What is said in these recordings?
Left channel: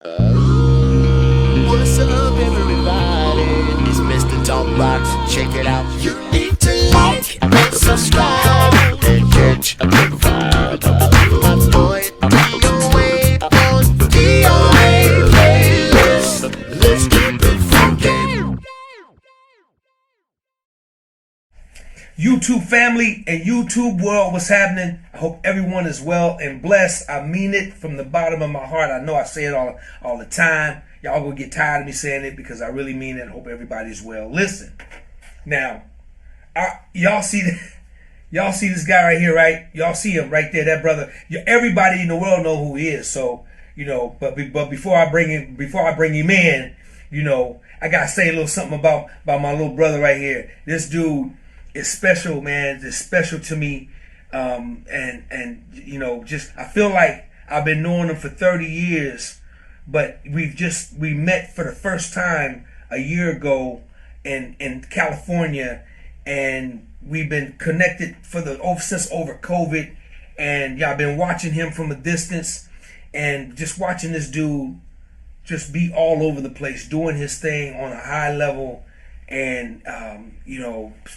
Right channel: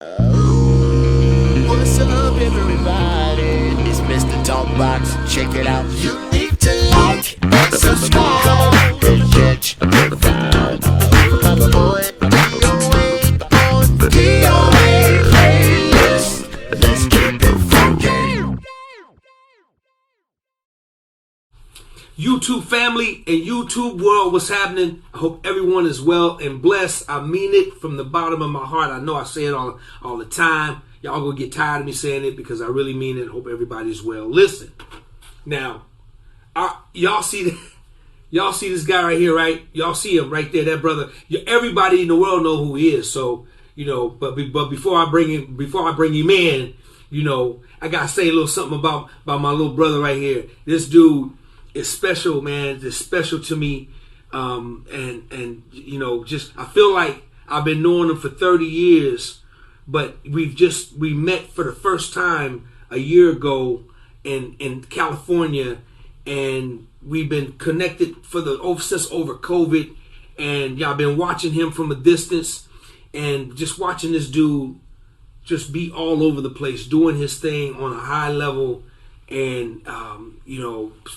What's up, everybody? It's Mr. Talkbox. Check it out. You need to like and subscribe. Come on and catch a vibe. Boy, DOA playlist. Let's keep it funky. YouTube family and YouTube world, what's happening? I hope everyone is well and blessed. I mean it from the bottom of my heart. I know I say it all the time. Y'all gonna get tired of me saying it because I really mean it. I hope everybody's well. Listen, now, y'all see this guy right here, right? Y'all see him right there, that brother. Everybody in the world know who he is. So but before I bring him in, I gotta say a little something about my little brother right here. This dude. It's special, man. It's special to me, and just I feel like I've been knowing him for 30 years, but we met for the first time a year ago in California, and we've been connected since over COVID, and I've been watching him from a distance, and just watching this dude just be all over the place, doing his thing on a high level. And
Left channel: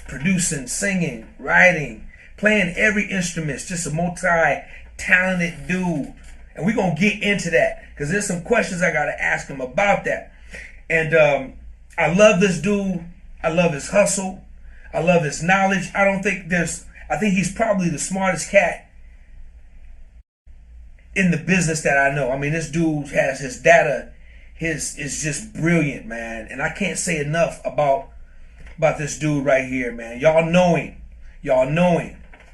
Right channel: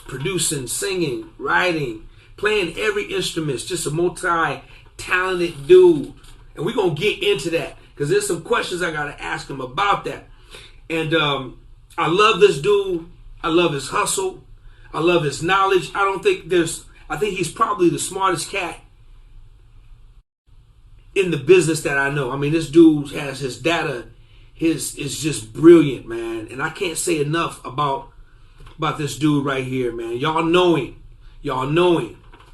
producing, singing, writing, playing every instrument. Just a multi-talented dude, and we're gonna get into that because there's some questions I gotta ask him about that. And I love this dude. I love his hustle. I love his knowledge. I think he's probably the smartest cat in the business that I know. I mean, this dude has his data. His is just brilliant, man, and I can't say enough about this dude right here, man. Y'all know him.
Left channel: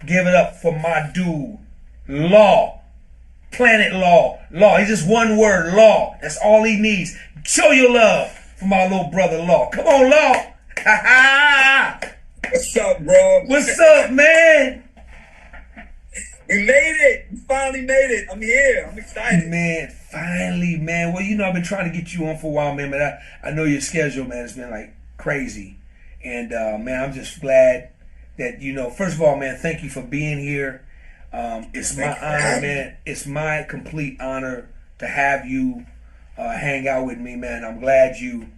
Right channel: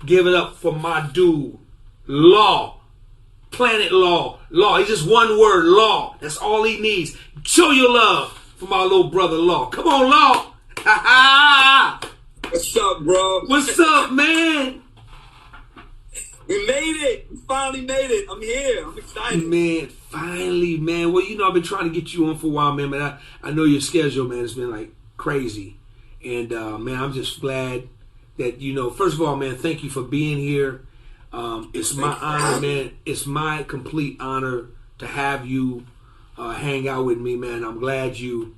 Give it up for my dude, Law, Planet Law. He's just one word, Law. That's all he needs. Show your love for my little brother, Law. Come on, Law. What's up, bro? What's up, man? We made it. We finally made it. I'm here. I'm excited. Man, finally, man. Well, I've been trying to get you on for a while, man, but I know your schedule, man, has been like crazy. And, man, I'm just glad that, first of all, man, thank you for being here. It's my honor, man. It's my complete honor to have you hang out with me, man. I'm glad you,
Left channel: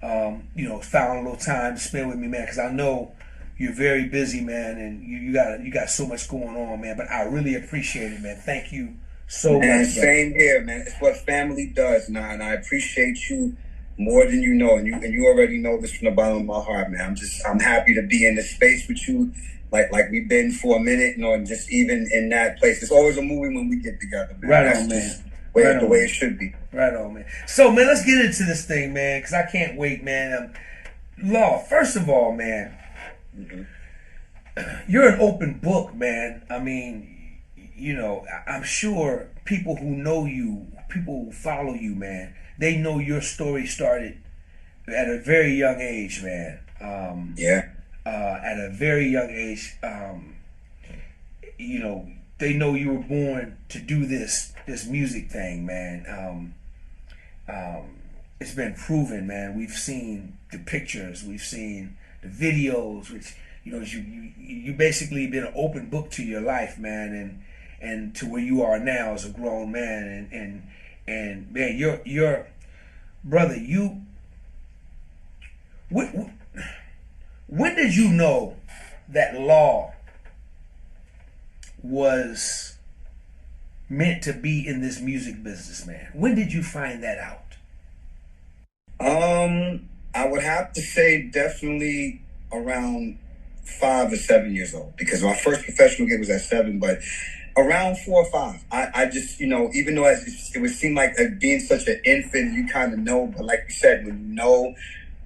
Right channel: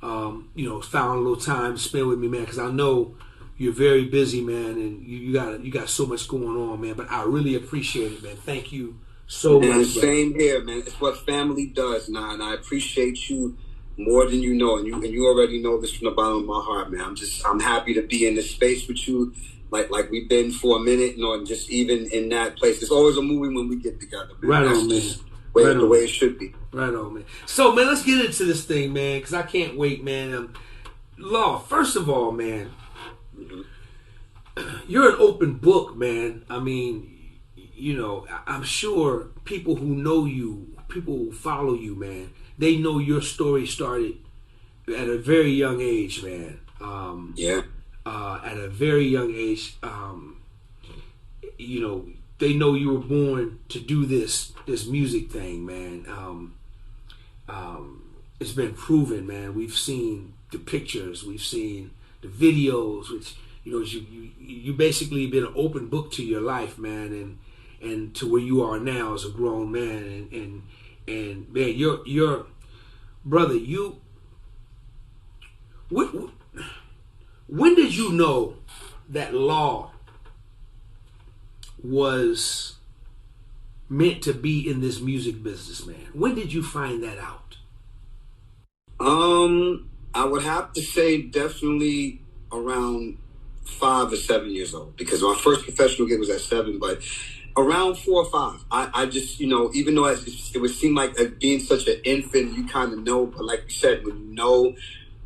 found a little time to spend with me, man, because I know you're very busy, man, and you got so much going on, man. But I really appreciate it, man. Thank you so much. Same here, man. It's what family does now, and I appreciate you more than you know, and you already know this from the bottom of my heart, man. I'm happy to be in this space with you, like we've been for a minute, and just even in that place. It's always a movie when we get together, man. Right on, man. The way it should be. Right on, man. So, man, let's get into this thing, man, because I can't wait, man. Law, first of all, man. You're an open book, man. I mean, I'm sure people who know you, people who follow you, man, they know your story started at a very young age, man. At a very young age, they know you were born to do this music thing, man. It's been proven, man. We've seen the pictures, we've seen the videos, which you basically been an open book to your life, man, and to where you are now as a grown man, and man, your brother, when did you know that Law was meant to be in this music business, man? When did you find that out? I would have to say definitely around 5 or 7 years old, because my first professional gig was at 7, but around 4 or 5, I just, even though it would seem like being such an infant, you kind of know, but like you said, when you know,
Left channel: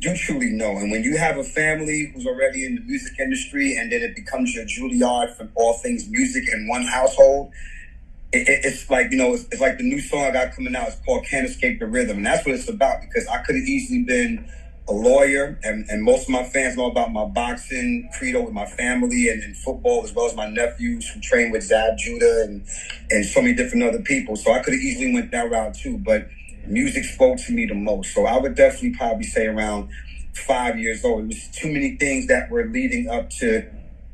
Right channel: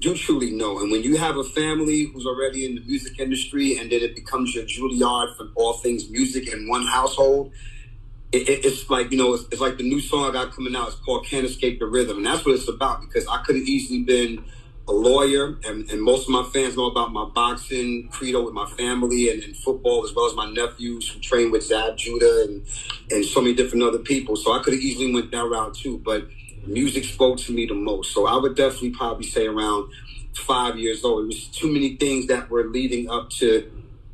you truly know. And when you have a family who's already in the music industry, and then it becomes your Juilliard for all things music in one household, it's like, it's like the new song I got coming out. It's called Can't Escape the Rhythm. And that's what it's about, because I could have easily been a lawyer, and most of my fans know about my boxing credo with my family, and football, as well as my nephews who train with Zab Judah and so many different other people. So I could have easily went that route too, but music spoke to me the most. So I would definitely probably say around 5 years old. It was too many things that were leading up to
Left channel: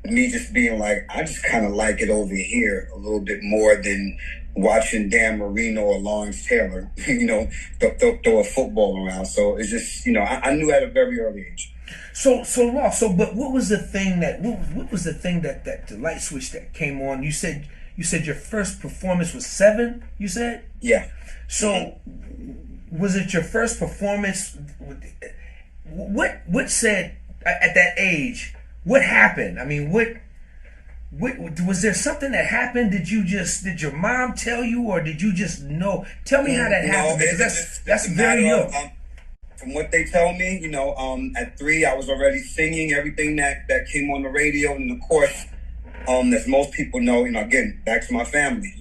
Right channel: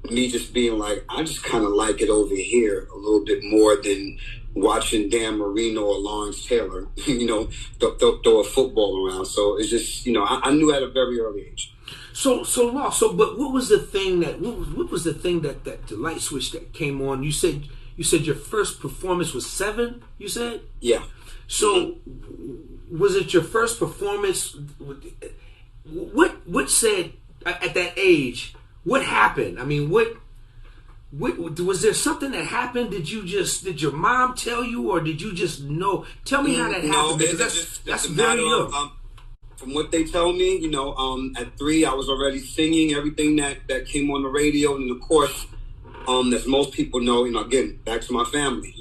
me just being like, I just kind of like it over here a little bit more than watching Dan Marino or Lawrence Taylor, throw a football around. So it's just, I knew at a very early age. But what was the thing what was the thing that the light switch that came on? You said your first performance was 7, you said? Yeah. So was it your first performance? What said at that age? What happened? I mean, what was there something that happened? Did your mom tell you, or did you just know? Tell me how that happened, because that's very young. From what they tell me, at 3 I was already singing everything that came on the radio, and of course, as most people know, again, back to my family,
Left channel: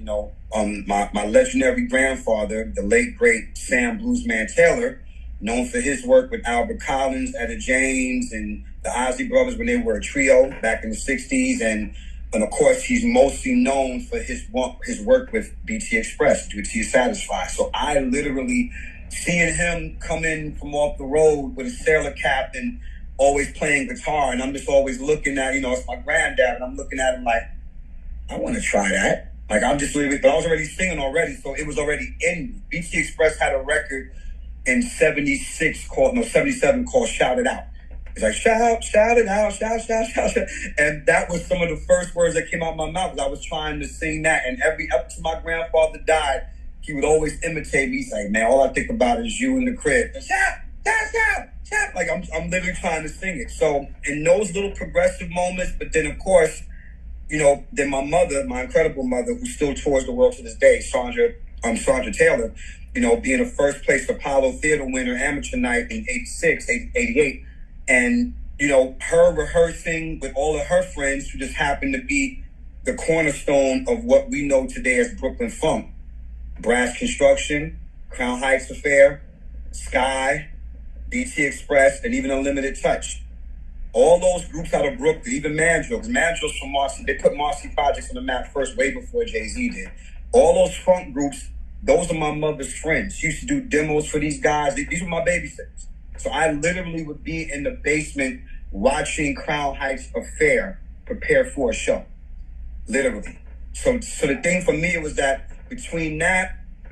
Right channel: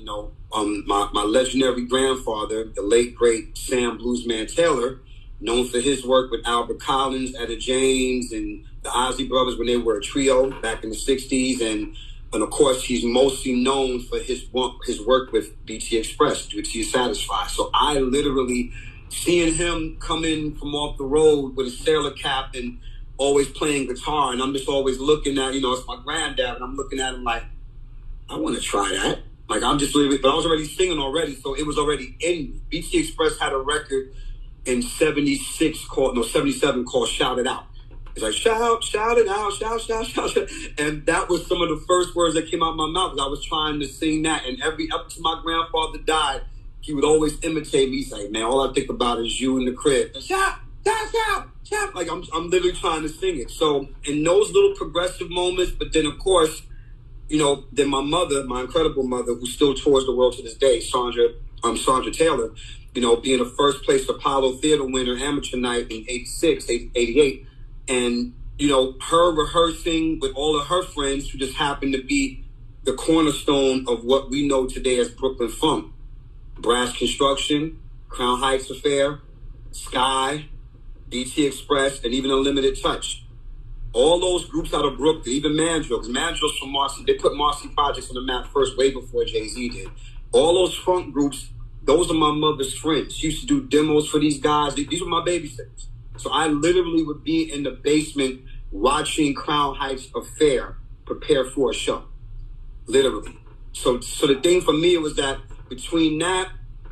my legendary grandfather, the late great Sam Bluesman Taylor, known for his work with Albert Collins, Etta James, and the Ozzy Brothers when they were a trio back in the 60s, and of course, he's mostly known for his work with BT Express, BT Satisfied. So I literally, seeing him come in from off the road with a sailor cap and always playing guitar, and I'm just always looking at, it's my granddad, and I'm looking at him like, I want to try that. Like, I'm just literally, but I was already singing already, so it was already in me. BT Express had a record in 77 called Shout It Out. It's like, shout it out, shout. And that was some of the first words that came out of my mouth, because I was trying to sing that. And up to my grandfather died, he would always imitate me. He's like, man, all I think about is you in the crib. Shout. Like, I'm literally trying to sing it. So in those little progressive moments, but then, of course, then my mother, my incredible mother, who still tours the world to this day, Sandra Taylor, being a first place Apollo Theater winner amateur night in 86, 88. And, her rehearsing with all of her friends who just happened to be the cornerstone of what we know today as Brooklyn Funk. Brass Construction, Crown Heights Affair, Sky, BT Express, and even Unlimited Touch. All those groups out of Brooklyn, even Mandrill, because Mandrill's from Marcy. They put Marcy Projects on the map first, way before Jay-Z did. All those funk groups, those are my mother's friends. She used to do demos for these guys. These were my babysitters. So I literally would be in the basement watching Crown Heights Affair prepare for a show. Literally. So the thing for me was that between that,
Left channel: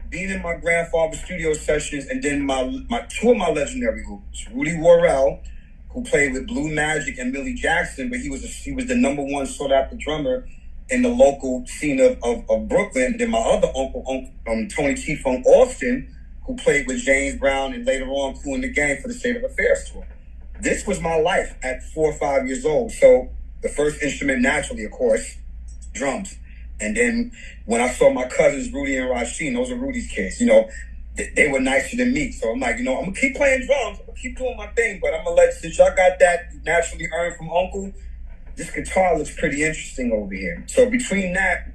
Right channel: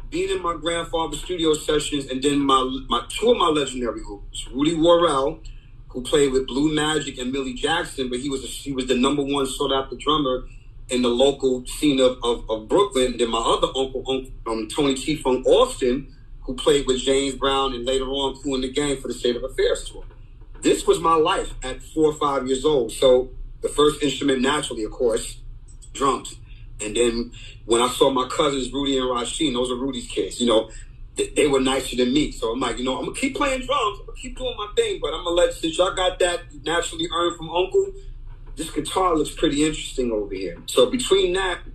being in my grandfather's studio sessions, and then my two of my legendary groups, Rudy Worrell, who played with Blue Magic and Millie Jackson, but he was the number one sought after drummer in the local scene of Brooklyn. Then my other uncle, Tony T. Funk Austin, who played with James Brown and later on Cool in the Gang for the State of Affairs tour. This was my life at 4 or 5 years old. So the first instrument, naturally, of course, drums. And then when I saw my cousins, Rudy and Rasheen, those are Rudy's kids, they were nicer than me. So I'm like, I'm going to keep playing drums. I'm going to keep doing my thing. But I'm going to since y'all got that naturally earned from Uncle, this guitar looks pretty interesting over here. So between that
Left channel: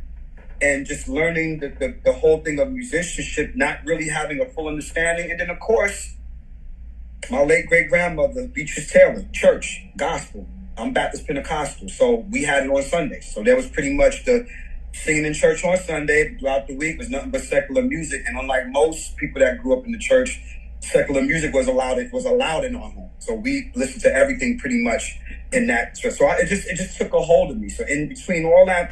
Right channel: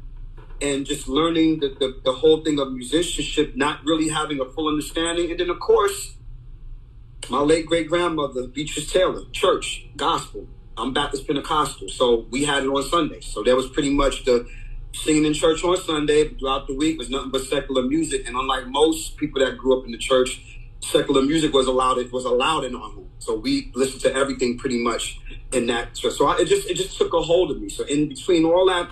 and just learning the whole thing of musicianship, not really having a full understanding. And then, of course, my late great-grandmother, Beatrice Taylor, church, gospel. I'm Baptist Pentecostal, so we had it on Sundays. So there was pretty much the singing in church on Sunday. Throughout the week was nothing but secular music. And unlike most people that grew up in the church, secular music was allowed in our home. So we listened to everything pretty much in that. So it just took a hold of me. So in between all that,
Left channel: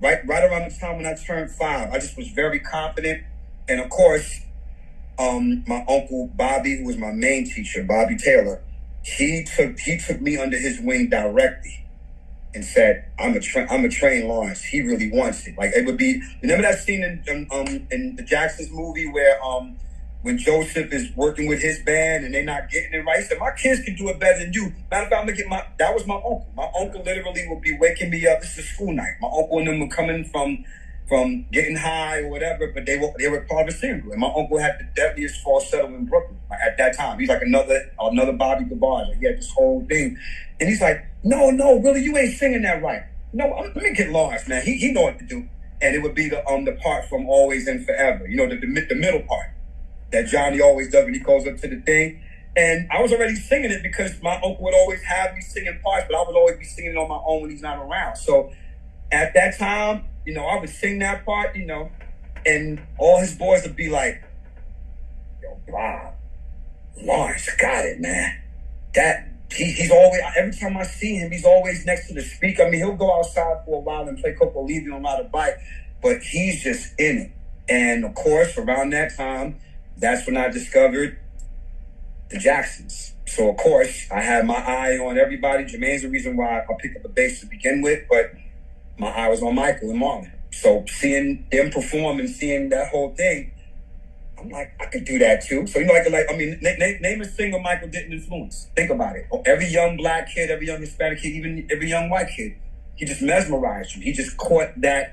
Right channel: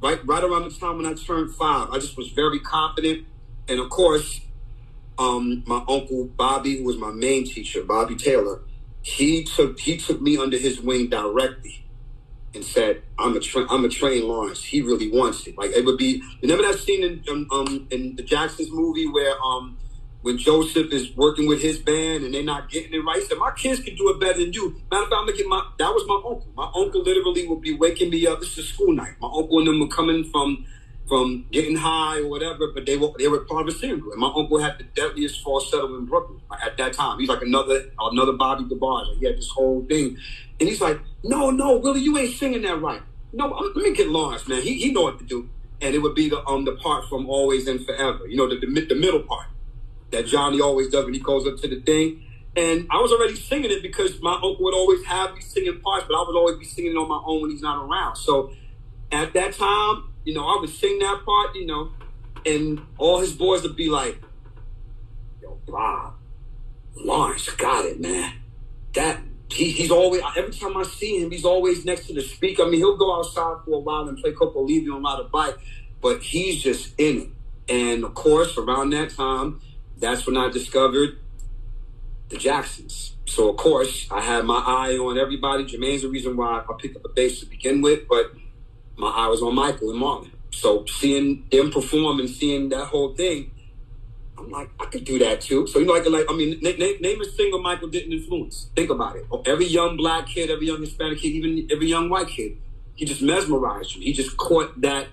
right around the time when I turned 5, I just was very confident. And of course, my uncle Bobby, who was my main teacher, Bobby Taylor, he took me under his wing directly and said, I'm a train Lawrence. He really wants it. Like, it would be, remember that scene in the Jacksons movie where when Joseph is working with his band and they're not getting it right, he said, my kids can do it better than you. Matter of fact, I'm gonna get that was my uncle. My uncle literally would be waking me up. This is school night. My uncle and them were coming from getting high or whatever, but they were part of a singing group. And my uncle had the deadliest falsetto in Brooklyn at that time. He's like another Bobby DeBarge. Like, he had this whole thing. And he's like, no, Willie, you ain't singing that right. No, let me get Lawrence, man. He know what to do. And it would be the part from Always and Forever. The middle part that Johnny always does when he goes up to the thing. And I was already singing it because my uncle would always have me singing parts, but I would always be singing it on my own when he's not around. So at that time, I would sing that part, and all his boys would be like, yo, Bob, Lawrence got it, man. He's always, every time I see him, he's always next to the speaker. I mean, he'll go outside for a while and play Coco Levy on ride a bike, but he's just in it. And of course, around that time, that's when I discovered the Jacksons. So of course, I had my eye on everybody. Jermaine's the reason why I picked up the bass to begin with, but my eye was on Michael and Marlon. So seeing them perform and seeing that whole thing, I'm like, I could do that too. So, name a single Michael didn't influence. Think about it. Every young black kid, every young Hispanic kid, even every young white kid, he just mesmerized you. He just caught that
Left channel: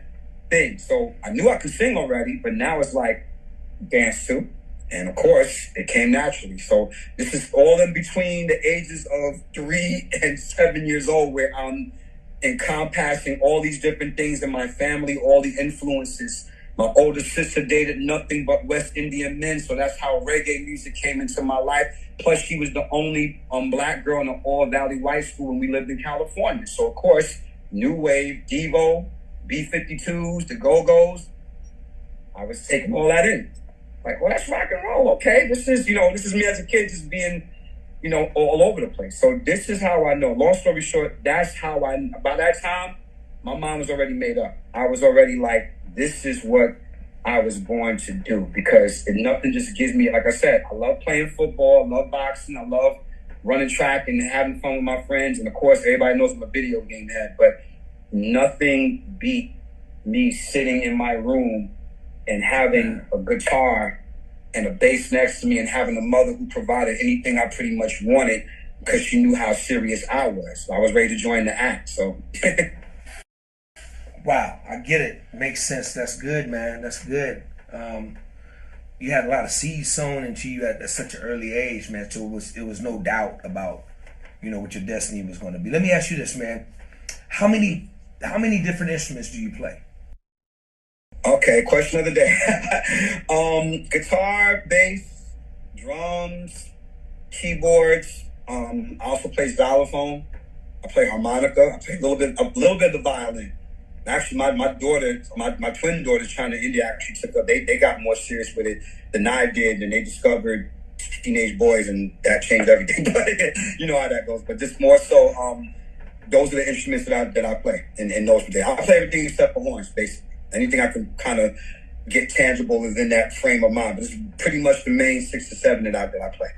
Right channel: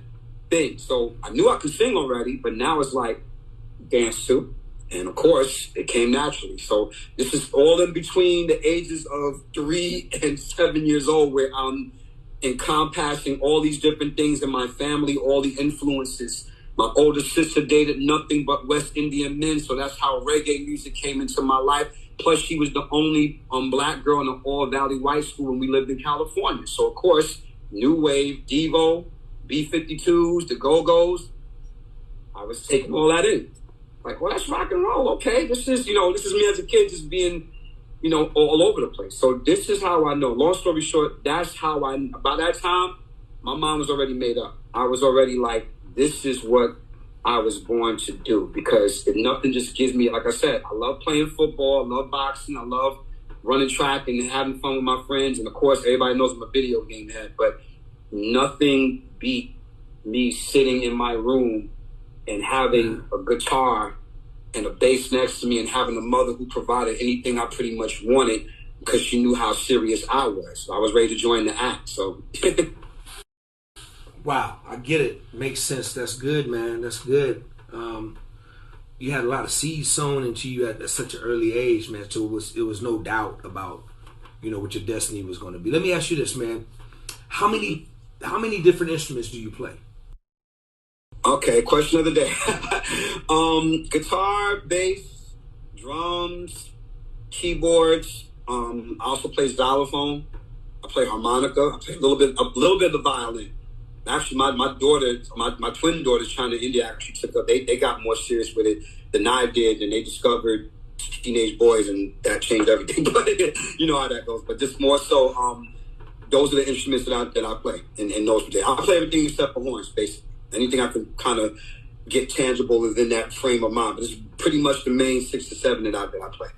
thing. So I knew I could sing already, but now it's like dance too. And of course, it came naturally. So this is all in between the ages of 3 and 7 years old, where I'm encompassing all these different things in my family, all the influences. My older sister dated nothing but West Indian men, so that's how reggae music came into my life. Plus, she was the only black girl in an all-valley white school when we lived in California. So, of course, New Wave, Devo, B-52s, the Go-Go's, I was taking all that in. Like, well, that's rock and roll, okay? This is me as a kid just being, all over the place. So this is how I know. Long story short, that's how by that time, my mind was already made up. I was already like, this is what I was born to do, because nothing just gives me, like I said, I love playing football, I love boxing, I love running track and having fun with my friends. And of course, everybody knows I'm a video game head, but nothing beat me sitting in my room and having a guitar and a bass next to me and having a mother who provided anything I pretty much wanted because she knew how serious I was. So I was ready to join the act. So Wow, I get it. Makes sense. That's good, man. That's good. You had a lot of seeds sown into you at such an early age, man. So it was no doubt about, what your destiny was going to be. Let me ask you this, man. How many different instruments do you play? Okay, question of the day. Guitar, bass, drums, keyboards. I also play xylophone. I play harmonica. I play a little bit of the violin. Actually, my daughter, my twin daughters, China and India, actually took up. They got more serious with it than I did, and they discovered teenage boys, and that changed everything. But you know how that goes. But just more so, those are the instruments that I play, and those days I play everything except for horns, basically. Anything I can kind of get tangible within that frame of mind. But it's pretty much the main 6 to 7 that I play.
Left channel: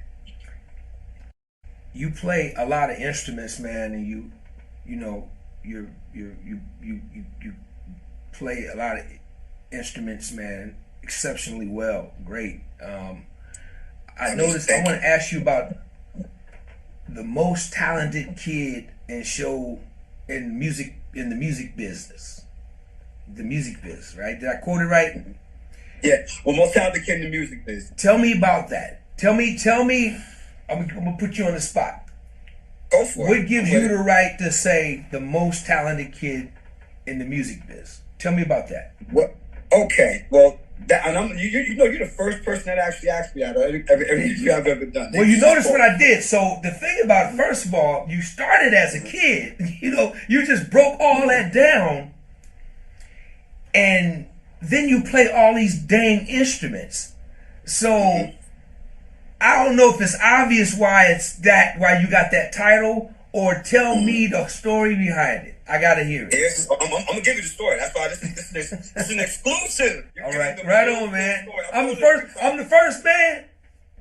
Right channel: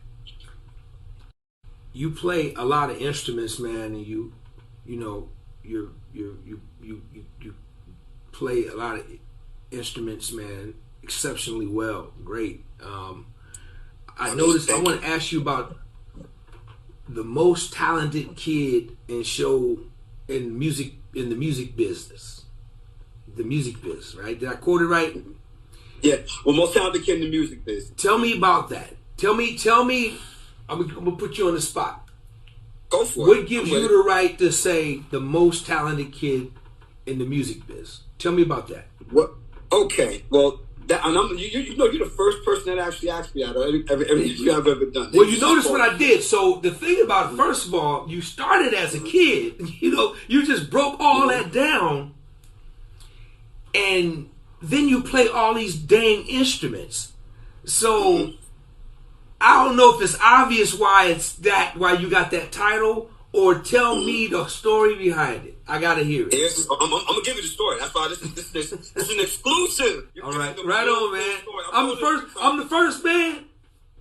You play a lot of instruments, man, and you play a lot of instruments, man, exceptionally well. Great. I noticed. I want to ask you about the most talented kid in the music business. The music biz, right? Did I quote it right? Yeah. Well, most talented kid in the music biz. Tell me about that. Tell me. I'm gonna put you on the spot. Go for it. What gives you the right to say the most talented kid in the music biz? Tell me about that. What? Okay. Well, you're the first person that actually asked me that every interview I've ever done. Well, you notice what I did. So the thing about it, first of all, you started as a kid. You just broke all that down. And then you play all these dang instruments. So I don't know if it's obvious why you got that title, or tell me the story behind it. I gotta hear it. I'm gonna give you the story. That's why this is an exclusive. All right, right on, man. I'm the first man.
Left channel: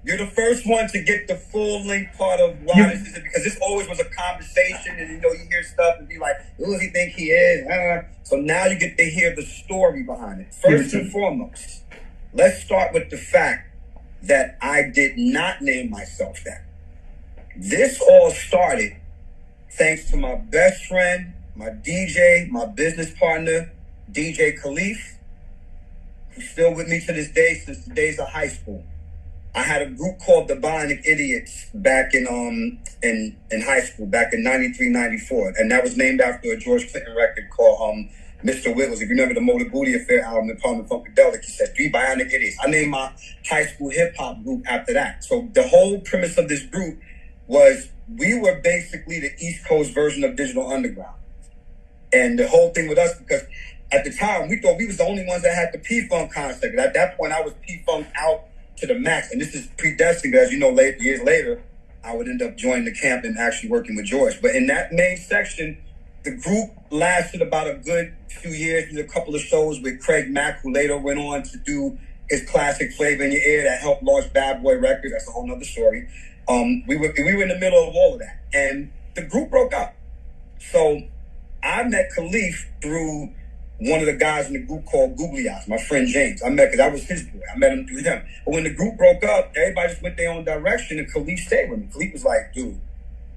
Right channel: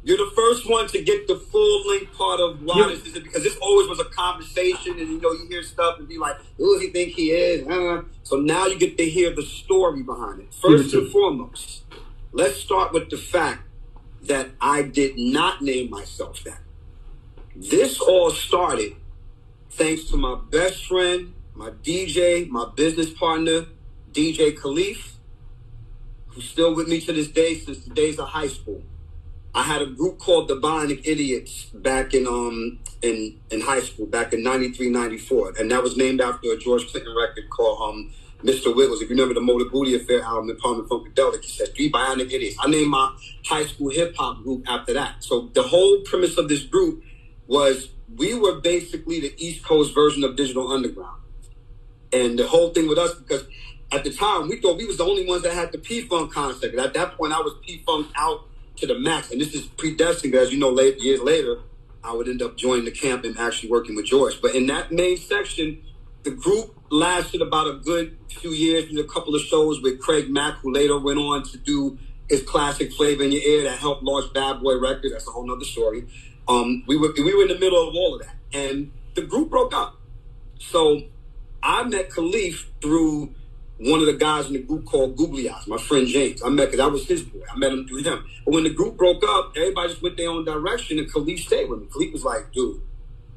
You're the first one to get the full length part of why this is, because this always was a conversation, and you hear stuff and be like, who does he think he is? So now you get to hear the story behind it. First and foremost, let's start with the fact that I did not name myself that. This all started thanks to my best friend, my DJ, my business partner, DJ Khalif, who's still with me to this day since the days of high school. I had a group called the Bionic Idiots back in high school, back in 93, 94. And that was named after a George Clinton record called Mr. Wiggles. If you remember the Motor Booty Affair album, the Parliament Funkadelic, he said 3 Bionic Idiots. I named my high school hip-hop group after that. So the whole premise of this group was we were basically the East Coast version of Digital Underground. And the whole thing with us, because at the time, we thought we was the only ones that had the P-Funk concept. And at that point, I was P-Funk out to the max. And this is predestined, as you know, years later, I would end up joining the camp and actually working with George. But in that main section, The group lasted about a good few years. Did a couple of shows with Craig Mack, who later went on to do his classic Flavor in Your Ear that helped launch Bad Boy Records. That's a whole nother story. We were in the middle of all of that, and the group broke up. So I met Khalif through one of the guys in the group called Googly Eyes, my friend James. I met, because I was his boy. I met him through him. But when the group broke up, everybody just went their own direction, and Khalif stayed with me. Khalif was like, dude,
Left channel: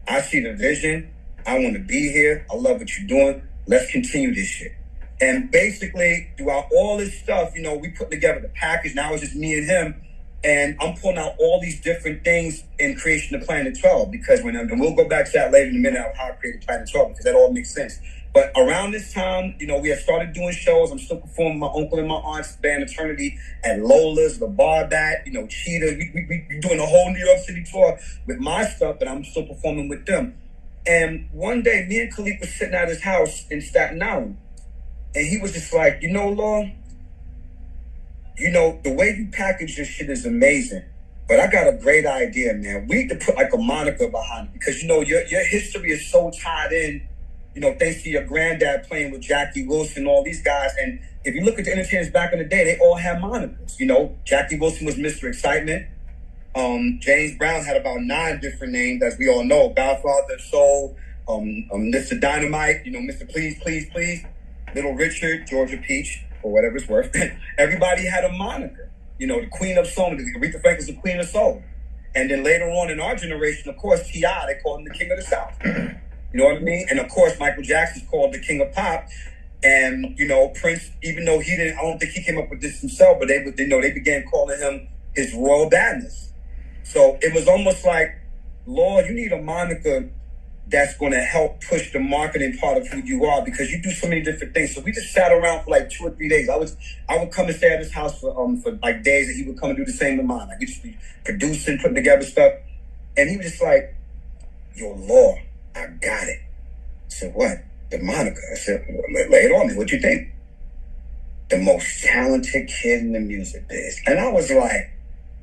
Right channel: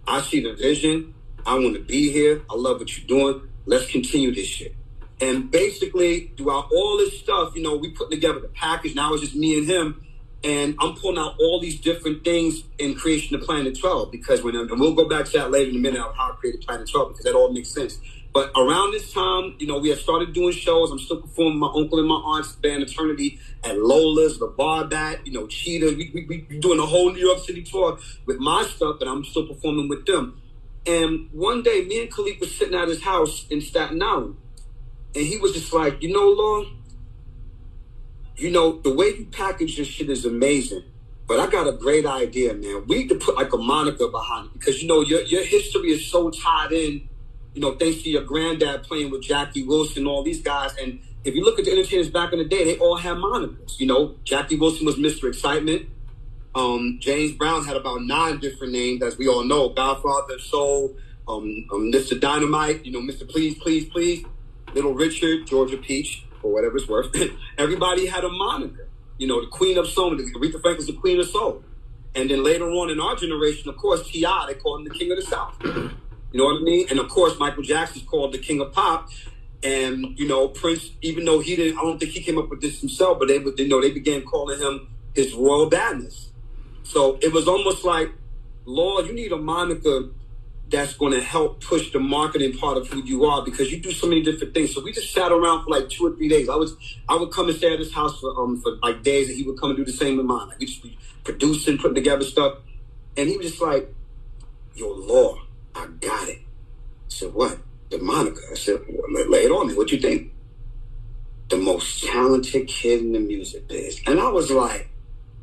I see the vision. I want to be here. I love what you're doing. Let's continue this shit. And basically, throughout all this stuff, you know, we put together the package. Now it's just me and him. And I'm pulling out all these different things in creation of Planet 12, because and we'll go back to that later in a minute, how I created Planet 12, because that all makes sense. But around this time, you know, we had started doing shows. I'm still performing my uncle and my aunt's band Eternity at Lola's, the Bar Bat, you know, Cheetah. We doing a whole New York City tour with my stuff, but I'm still performing with them. And one day, me and Khalif was sitting at his house in Staten Island, and he was just like, you know, Law, you know, the way you package this shit is amazing, but I got a great idea, man. We need to put like a moniker behind it, because, you know, your history is so tied in, you know, thanks to your granddad playing with Jackie Wilson, all these guys. And if you look at the entertainers back in the day, they all had monikers. You know, Jackie Wilson was Mr. Excitement. James Brown had about 9 different names, as we all know. Godfather, Soul, Mr. Dynamite, you know, Mr. Please, Please, Please, Little Richard, Georgia Peach, for whatever it's worth. Everybody had a moniker. You know, the Queen of Soul, Aretha Franklin's the Queen of Soul. And then later on in our generation, of course, T.I., they called him the King of the South. You know what I mean? And of course, Michael Jackson's called the King of Pop. And, you know, Prince, even though I don't think he came up with this himself, but they began calling him his Royal Badness. So it was almost like, Lord, you need a moniker that's going to help push the marketing part of who you are, because you do so many different things. So we just sat around for like 2 or 3 days. I would come and stay at his house for like days, and he would come and do the same with mine. Like we just be producing, putting together stuff. And he was just like, yo, Lord, I got it. I said, what? The moniker. I said, well, lay it on me. What you think? The most talented kid in the music biz. And I was like,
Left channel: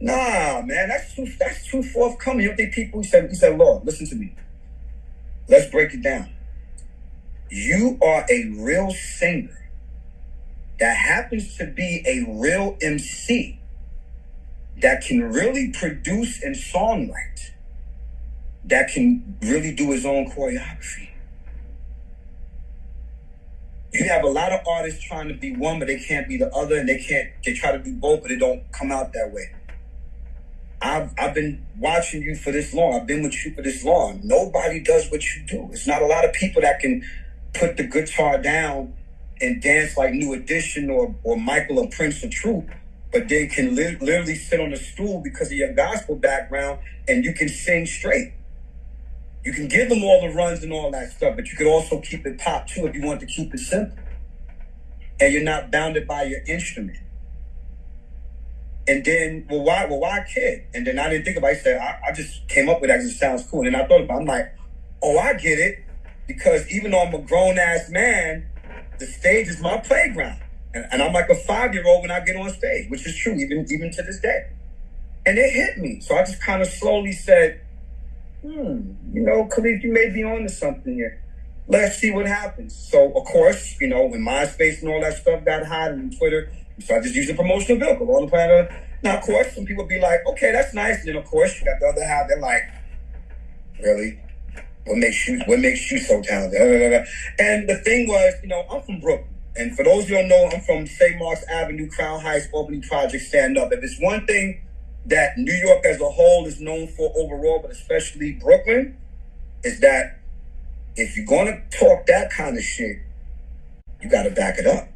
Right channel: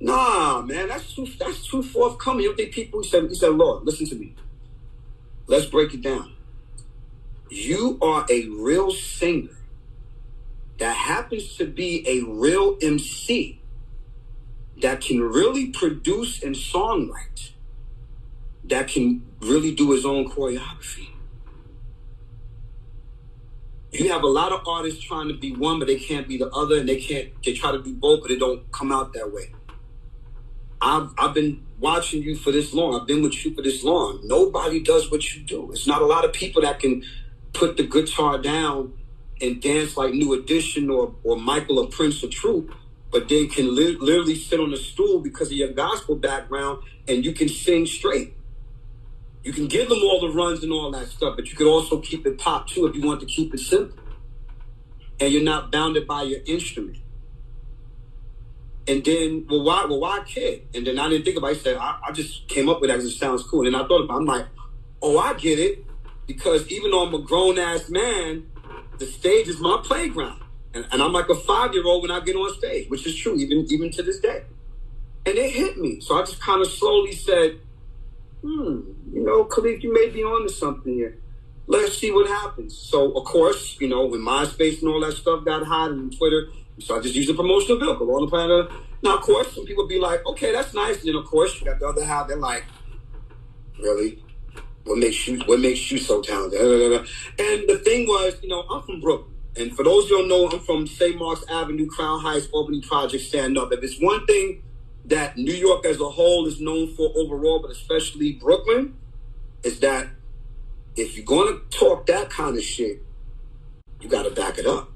nah, man, that's too forthcoming. You don't think people, he said, Lord, listen to me. Let's break it down. You are a real singer that happens to be a real MC that can really produce and songwrite, that can really do his own choreography. You have a lot of artists trying to be one, but they can't be the other, and they try to do both, but it don't come out that way. I've been watching you for this long. I've been with you for this long. Nobody does what you do. It's not a lot of people that can put the guitar down and dance like New Edition or Michael or Prince or Troop, but then can literally sit on a stool because of your gospel background, and you can sing straight. You can give them all the runs and all that stuff, but you could also keep it pop too if you want to keep it simple. And you're not bounded by your instrument. And then, well, why kid? And then I didn't think about it. I said, I just came up with that because it sounds cool. And then I thought about it. I'm like, oh, I get it. Because even though I'm a grown-ass man, the stage is my playground. And I'm like a 5-year-old when I get on stage, which is true, even to this day. And it hit me. So I just kind of slowly said, you know, Khalif, you may be on to something here. Let's see what happens. So, of course, you know, when MySpace and all that stuff got hot and Twitter, so I just used a promotional vehicle on the planet. Now, of course, some people be like, okay, that's nice. And then, of course, you got the other half. They're like, really? What makes you so talented? And the thing was, you know, I'm from Brooklyn. And for those who don't know, I'm from St. Mark's Avenue, Crown Heights, Albany Project, stand up. If it's one thing that New York as a whole is known for overall, but especially Brooklyn, is that if you're going to talk that kind of shit, you got to back it up.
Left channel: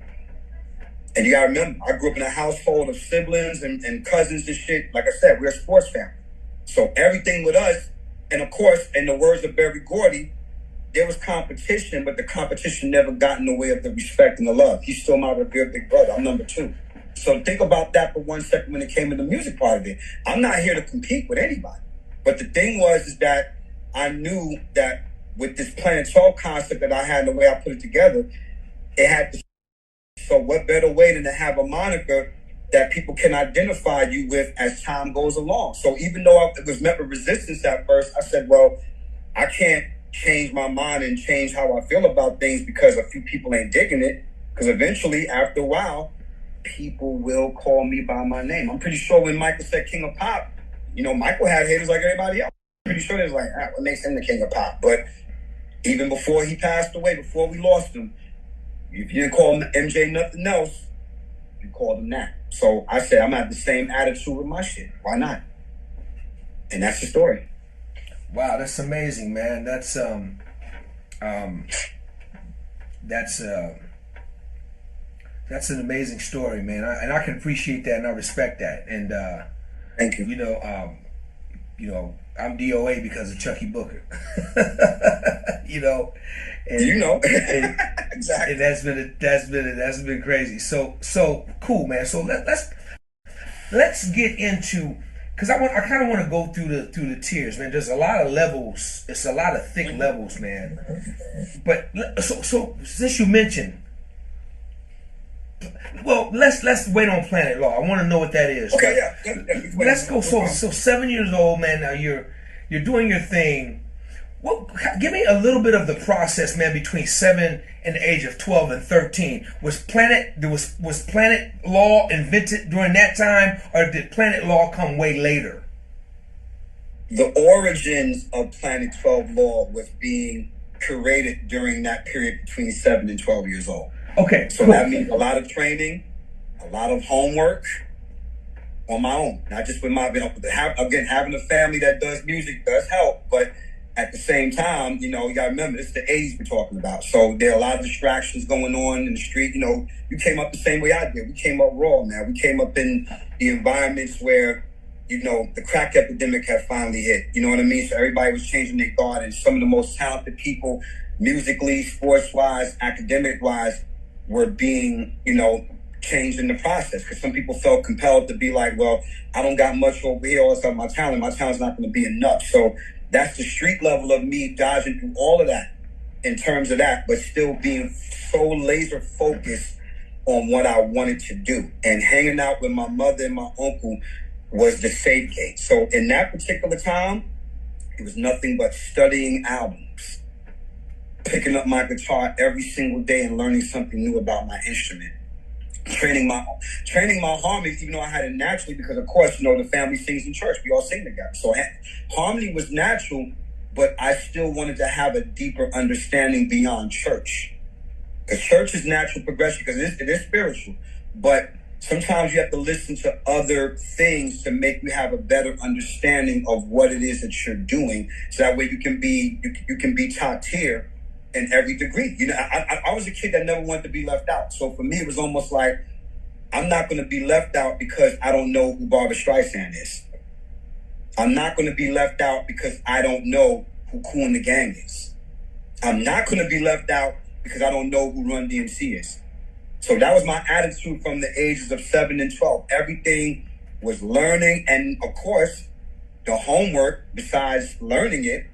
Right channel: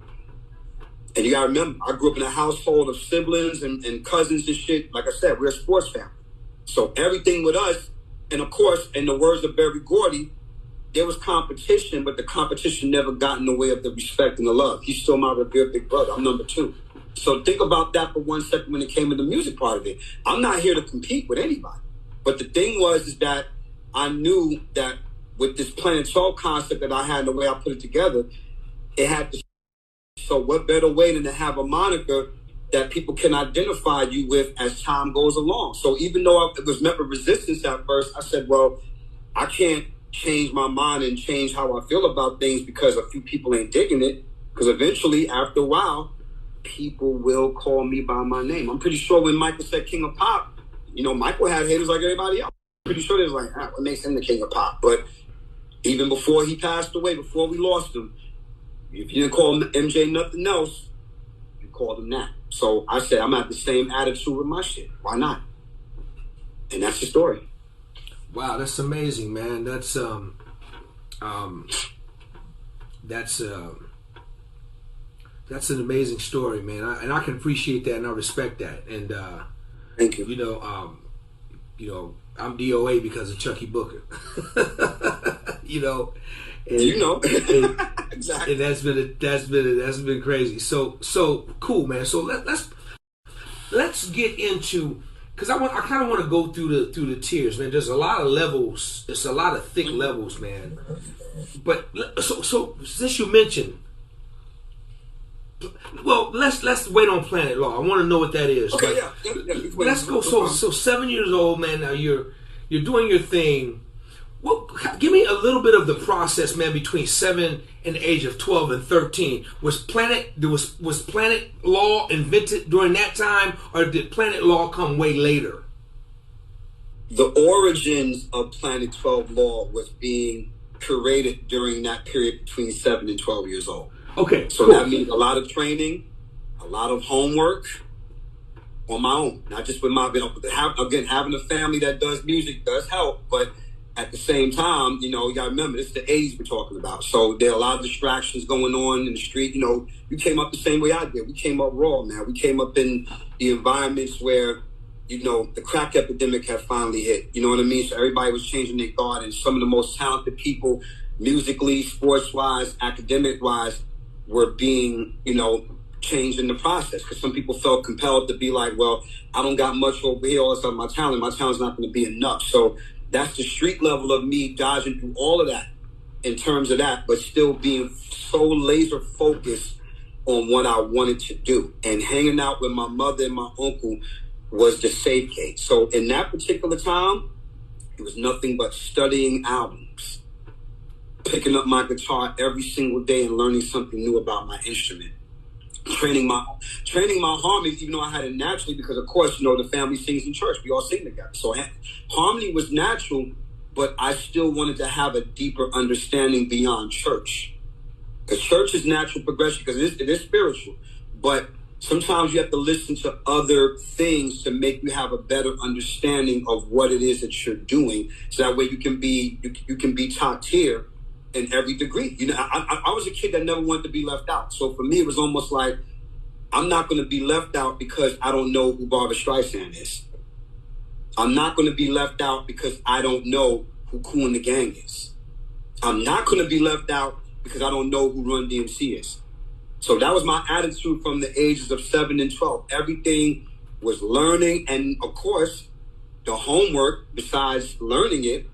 And you got to remember, I grew up in a household of siblings and cousins and shit. Like I said, we're a sports family. So everything with us, and of course, in the words of Berry Gordy, there was competition, but the competition never got in the way of the respect and the love. He's still my revered big brother. I'm number 2. So think about that for 1 second when it came to the music part of it. I'm not here to compete with anybody. But the thing is that I knew that with this Planet 12 concept that I had and the way I put it together, it had to. So what better way than to have a moniker that people can identify you with as time goes along? So even though it was met with resistance at first, I said, well, I can't change my mind and change how I feel about things because a few people ain't digging it. Because eventually, after a while, people will call me by my name. I'm pretty sure when Michael said King of Pop, you know, Michael had haters like everybody else. I'm pretty sure they was like, what makes him the King of Pop? But even before he passed away, before we lost him, if you didn't call MJ nothing else, you called him that. So I said, I'm gonna have the same attitude with my shit. Why not? And that's the story. Wow, that's amazing, man. That's that's an amazing story, man. And I can appreciate that, and I respect that. And thank you. You know, I'm DOA because of Chucky Booker. You know, and, and, exactly. And that's been crazy. So cool, man. So let's get into, because I kind of want to go through the tiers, man. There's a lot of levels. It's a lot of thick levels, man. But so since you mentioned, well, let's wait on Planet Law. I want to know what that is. Okay, yeah. Let's go. So 7 years old, man. Now you're doing your thing. Well, give me a little bit of the process, man, between 7 and the age of 12 and 13. Was Planet Law invented during that time, or did Planet Law come way later? The origins of Planet 12 Law was being created during that period between 7 and 12 years old. Okay, so cool. That means a lot of training, a lot of homework on my own. Not just with my, having a family that does music does help, but at the same time, you know, you gotta remember, it's the 80s we're talking about. So there are a lot of distractions going on in the street. You know, you came up the same way I did. We came up raw, man. We came up in the environments where, you know, the crack epidemic had finally hit. You know what I mean? So everybody was changing their guard, and some of the most talented people, musically, sports-wise, academic-wise, were being, you know, changed in the process. Because some people felt compelled to be like, well, I don't got much over here, all of a sudden my talent's not going to be enough. So that's the street level of me dodging through all of that in terms of that, but still being so laser focused on what I wanted to do. And hanging out with my mother and my uncle was the safe gate. So in that particular time, it was nothing but studying albums, picking up my guitar every single day and learning something new about my instrument. Training my harmony, even though I had it naturally, because of course, you know, the family sings in church. We all sing together. So harmony was natural, but I still wanted to have a deeper understanding beyond church. Because church is natural progression, because it is spiritual. But sometimes you have to listen to other things to make you have a better understanding of what it is that you're doing. So that way you can be top tier in every degree. You know, I was a kid that never wanted to be left out. So for me, it was almost like, I'm not going to be left out because I don't know who Barbra Streisand is. I'm not going to be left out because I don't know who Kool and the Gang is. I'm not going to be left out because I don't know who Run DMC is. So that was my attitude from the ages of 7 and 12. Everything was learning. And of course, the homework, besides learning it,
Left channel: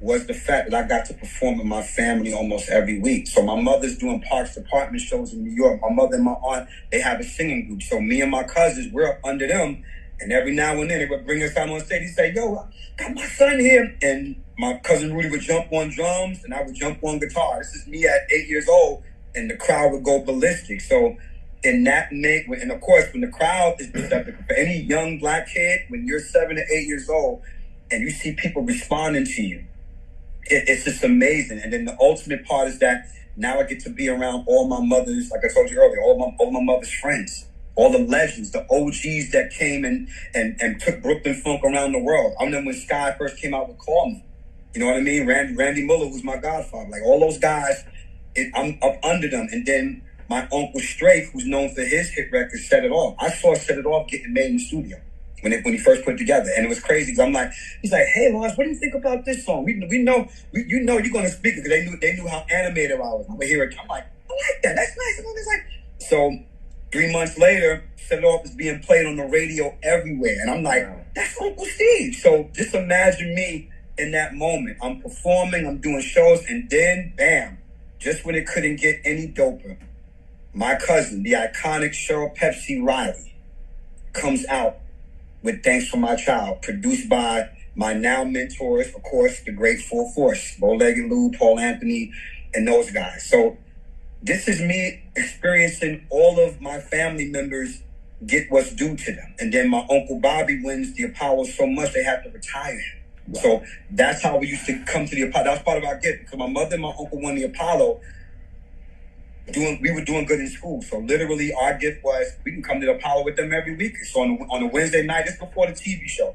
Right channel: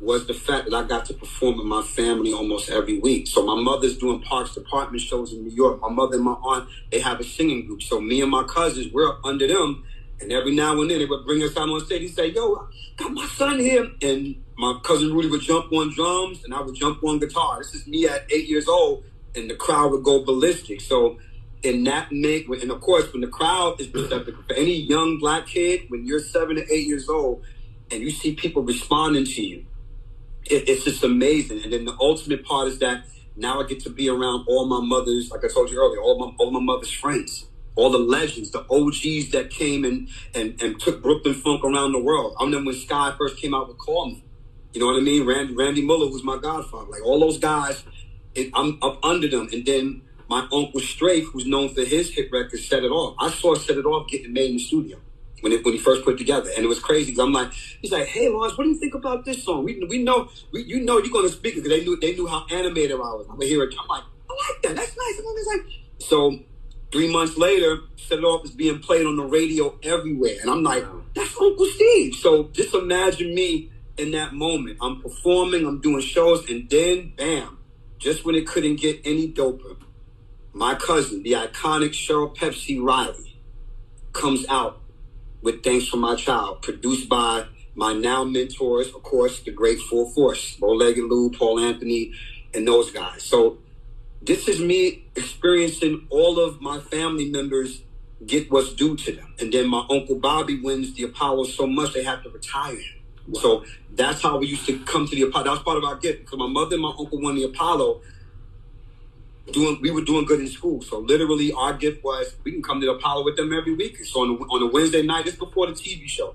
was the fact that I got to perform with my family almost every week. So my mother's doing Parks Department shows in New York. My mother and my aunt, they have a singing group. So me and my cousins, we're up under them. And every now and then they would bring us out on stage. He'd say, yo, I got my son here. And my cousin Rudy would jump on drums and I would jump on guitar. This is me at 8 years old. And the crowd would go ballistic. So in that and of course, when the crowd is receptive, for any young black kid, when you're 7 to 8 years old and you see people responding to you, it's just amazing. And then the ultimate part is that now I get to be around all my mother's, like I told you earlier, all my mother's friends, all the legends, the OGs that came and took Brooklyn funk around the world. I remember when Sky first came out with Call Me. You know what I mean? Randy Muller, who's my godfather. Like all those guys, I'm up under them. And then my uncle Strafe, who's known for his hit record, Set It Off. I saw Set It Off getting made in the studio when he first put it together. And it was crazy because I'm like, he's like, hey, Lawrence, what do you think about this song? We know you're going to speak it, because they knew how animated I was. I would hear it. I'm like, I like that. That's nice. It's like, so 3 months later, Set It Off is being played on the radio everywhere. And I'm like, that's Uncle Steve. So just imagine me in that moment. I'm performing, I'm doing shows, and then bam, just when it couldn't get any doper, my cousin, the iconic Cheryl Pepsi Riley, comes out with Thanks for My Child, produced by my now mentors, of course, the great Full Force, Bow-Legged Lou, Paul Anthony, and those guys. So this is me experiencing all of my family members get what's due to them. And then my Uncle Bobby wins the Apollo so much they have to retire him. Wow. So that's how we used to come to the Apollo. That was part of our gift, because my mother and my uncle won the Apollo. We were doing good in school. So literally our gift was we can come to the Apollo with them every week. So on a Wednesday night, this before the TV show,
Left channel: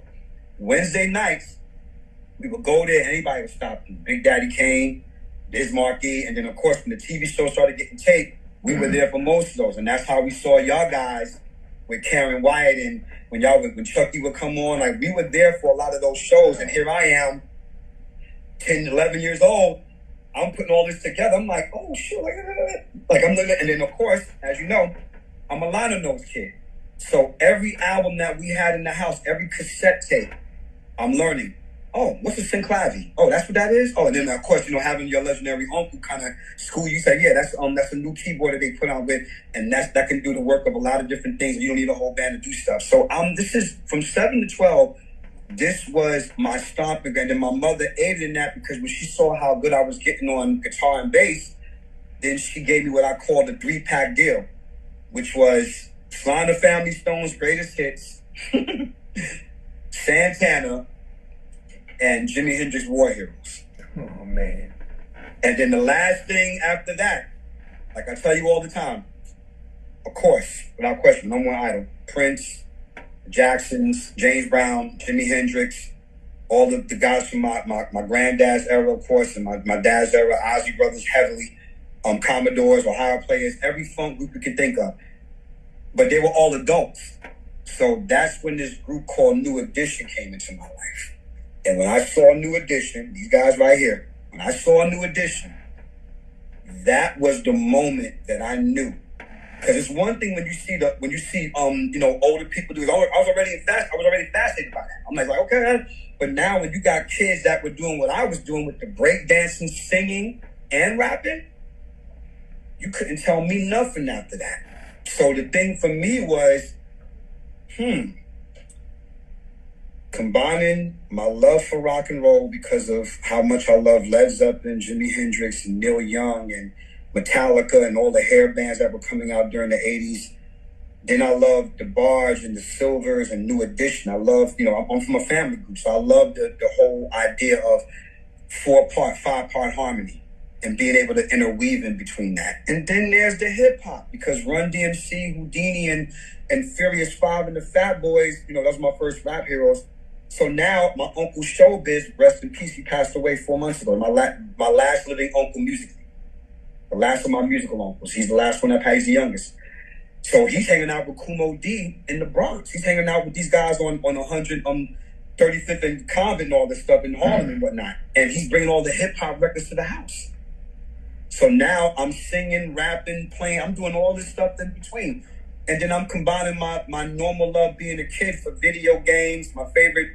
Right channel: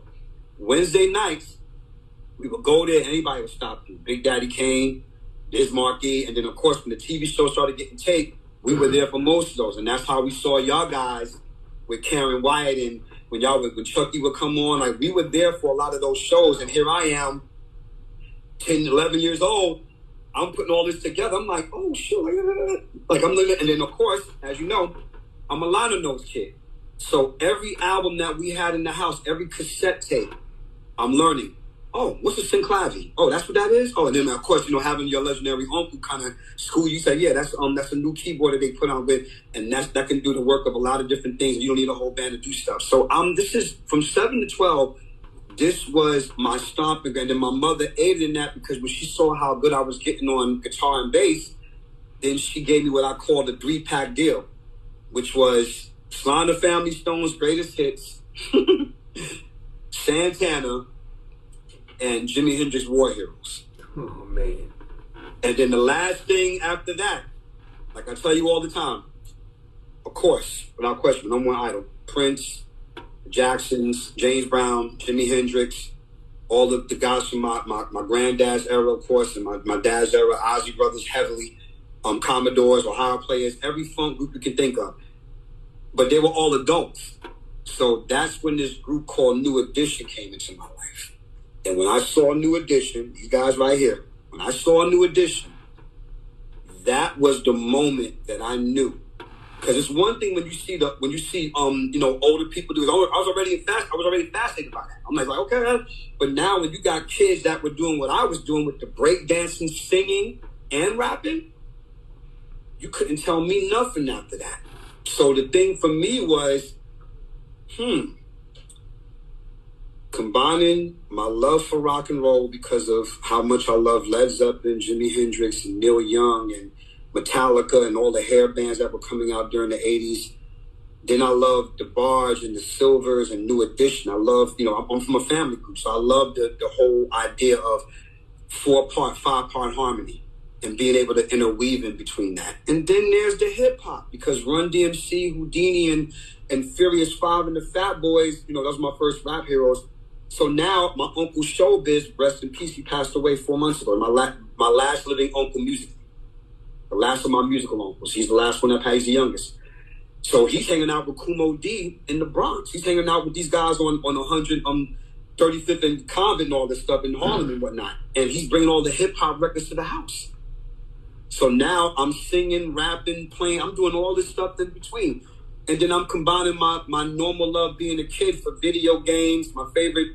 Wednesday nights, we would go there, anybody would stop you. Big Daddy Kane, Biz Markie, and then of course when the TV show started getting taped, we were there for most of those. And that's how we saw y'all guys with Karen Wyatt, and when Chucky would come on, like we were there for a lot of those shows. And here I am, 10, 11 years old, I'm putting all this together. I'm like, oh shit, like I'm living. And then of course, as you know, I'm a liner notes kid. So every album that we had in the house, every cassette tape, I'm learning. Oh, what's a synclavi? Oh, that's what that is? Oh, and then of course, having your legendary uncle kind of school you, say, yeah, that's a new keyboard that they put on with, and that can do the work of a lot of different things. You don't need a whole band to do stuff. So this is from 7 to 12. This was my stomping ground. And my mother aided in that, because when she saw how good I was getting on guitar and bass, then she gave me what I call the 3-pack deal, which was Sly and the Family Stone's greatest hits, Santana, and Jimi Hendrix War Heroes. Oh, man. And then the last thing after that, like I tell you all the time, of course, without question, no more idol, Prince, Jacksons, James Brown, Jimi Hendrix, all of the guys from my granddad's era, of course, and my dad's era, Ozzy Brothers heavily, Commodores, Ohio Players, every funk group you can think of. But they were all adults. So that's when this group called New Edition came into my life. And when I saw New Edition, these guys right here, when I saw New Edition, that was the moment that I knew. Because it's one thing when you see older people do it. I was already fascinated by that. I'm like, okay. But now when you got kids that were doing what I was doing with the breakdancing, singing, and rapping, you couldn't tell me nothing after that. So the thing for me was, combining my love for rock and roll because of how much I love Led Zeppelin, Jimi Hendrix, and Neil Young, and Metallica, and all the hair bands that were coming out during the 80s. Then I loved the Barge and the Silvers and New Edition. I love, I'm from a family group, so I love the whole idea of 4-part, 5-part harmony and being able to interweave in between that. And then there's the hip hop, because Run DMC, Houdini, and Furious 5 and the Fat Boys, those were my first rap heroes. So now my uncle Showbiz, rest in peace, he passed away 4 months ago. My last living uncle musically. The last of my musical uncles. He's the last one that pays the youngest. So he's hanging out with Kumo D in the Bronx. He's hanging out with these guys on 135th and Convent and all this stuff in Harlem and whatnot. And he's bringing all the hip hop records to the house. So now I'm singing, rapping, playing. I'm doing all this stuff in between. And then I'm combining my normal love being a kid for video games. My favorite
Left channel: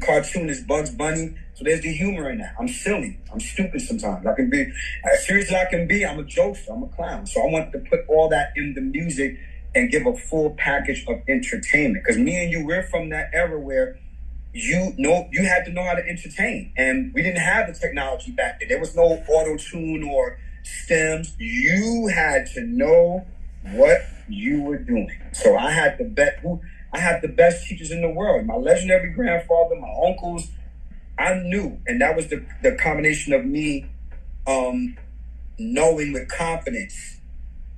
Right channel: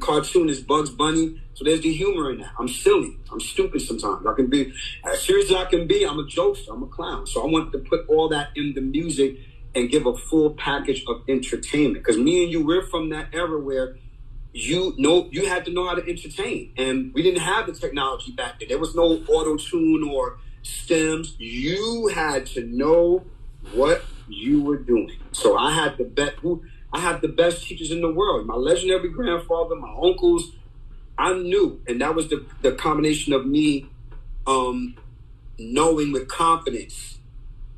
cartoon is Bugs Bunny. So there's the humor in that. I'm silly. I'm stupid sometimes. I can be as serious as I can be. I'm a jokester. I'm a clown. So I want to put all that in the music and give a full package of entertainment. Because me and you, we're from that era where you had to know how to entertain. And we didn't have the technology back then. There was no auto-tune or stems. You had to know what you were doing. So I had the best teachers in the world. My legendary grandfather, my uncles, I knew. And that was the combination of me knowing with confidence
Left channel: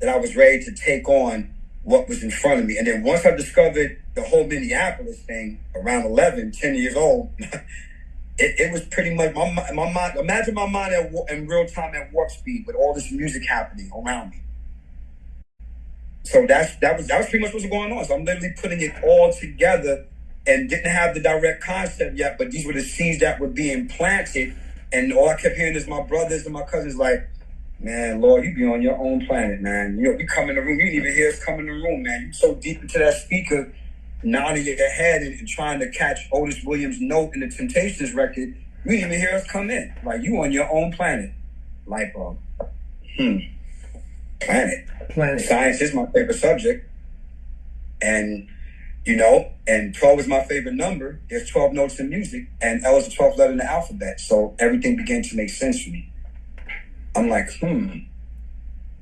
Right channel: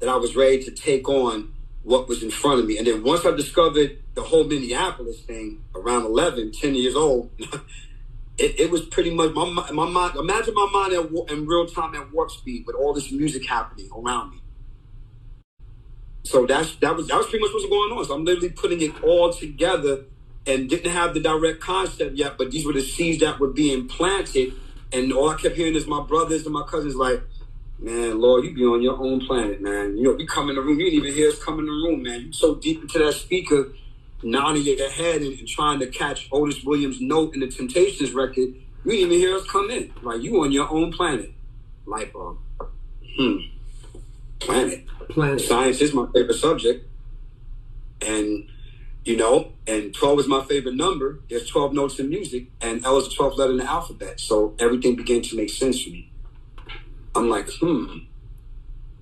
that I was ready to take on what was in front of me. And then once I discovered the whole Minneapolis thing around 10 years old, it was pretty much my mind. Imagine my mind in real time at warp speed with all this music happening around me. So that was pretty much what's going on. So I'm literally putting it all together and didn't have the direct concept yet, but these were the seeds that were being planted. And all I kept hearing is my brothers and my cousins like, man, Lord, you be on your own planet, man. We come in the room, you didn't even hear us come in the room, man. You so deep into that speaker, nodding your head and trying to catch Otis Williams' note in the Temptations record. You didn't even hear us come in. Like, you on your own planet. Light bulb. Planet. Science is my favorite subject. And you know, and 12 is my favorite number. There's 12 notes in music, and L is the 12th letter in the alphabet. So everything began to make sense for me. I'm like,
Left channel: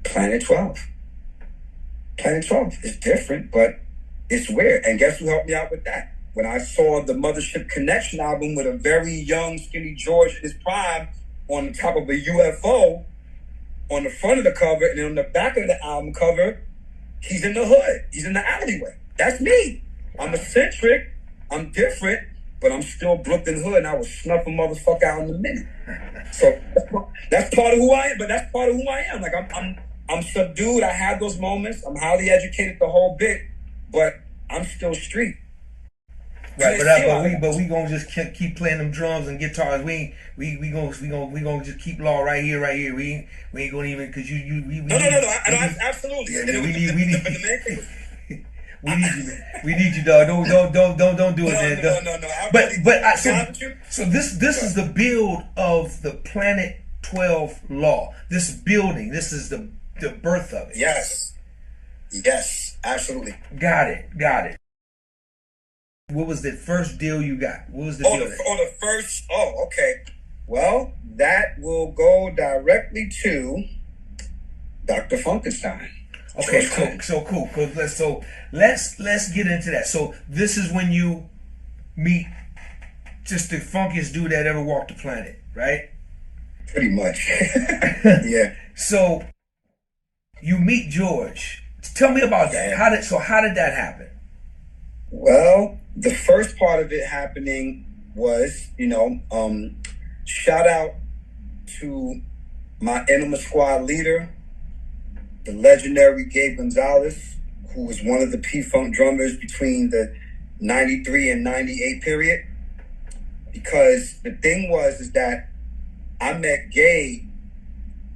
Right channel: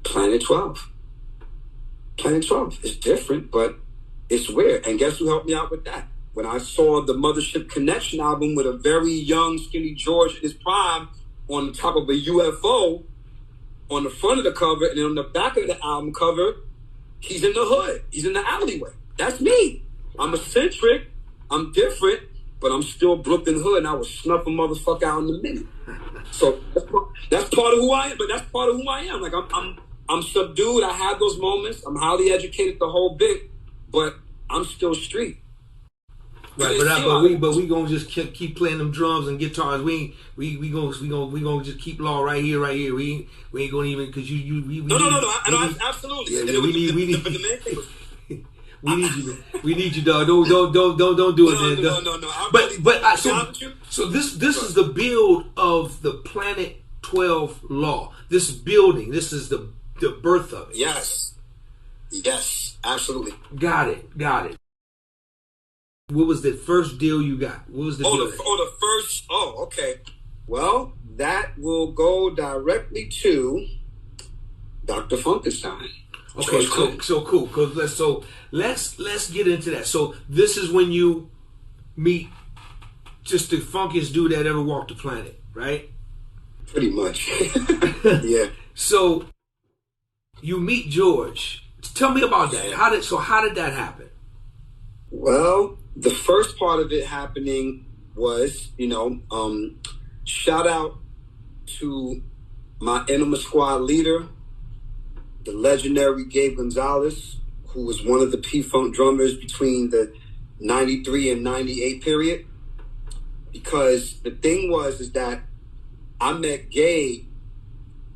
Planet 12. Planet 12 is different, but it's weird. And guess who helped me out with that? When I saw the Mothership Connection album with a very young, skinny George in his prime on the top of a UFO on the front of the cover, and then on the back of the album cover, he's in the hood. He's in the alleyway. That's me. I'm eccentric. I'm different, but I'm still Brooklyn hood, and I will snuff a motherfucker out in a minute. So that's part of who I am. But that's part of who I am. Like I'm subdued. I have those moments. I'm highly educated, the whole bit, but I'm still street. Right, but we gonna just keep playing them drums and guitars. We gonna just keep law right here. We ain't gonna even because absolutely. Yeah, we need you, dog. Don't do it, man. No. So this is the build of the Planet 12 Law. This building. This is the birth of it. Yes, absolutely. Got it. What was the first deal you got? What was the deal? The first. Oh, okay. Well, that will go directly to Dr. Funkenstein. Okay, cool. So let's get into that. So this is when you meet just the funkiest dude that ever walked the planet, right? Pretty much. Yeah. So you meet George. Tell me about that. How did that happen? Well, the first part of it happening was, shout out to my Enema Squad leader, the legendary Gabe Gonzalez, who was one of the P-Funk drummers between the 93 and 98 period. Because the thing is that I met Gabe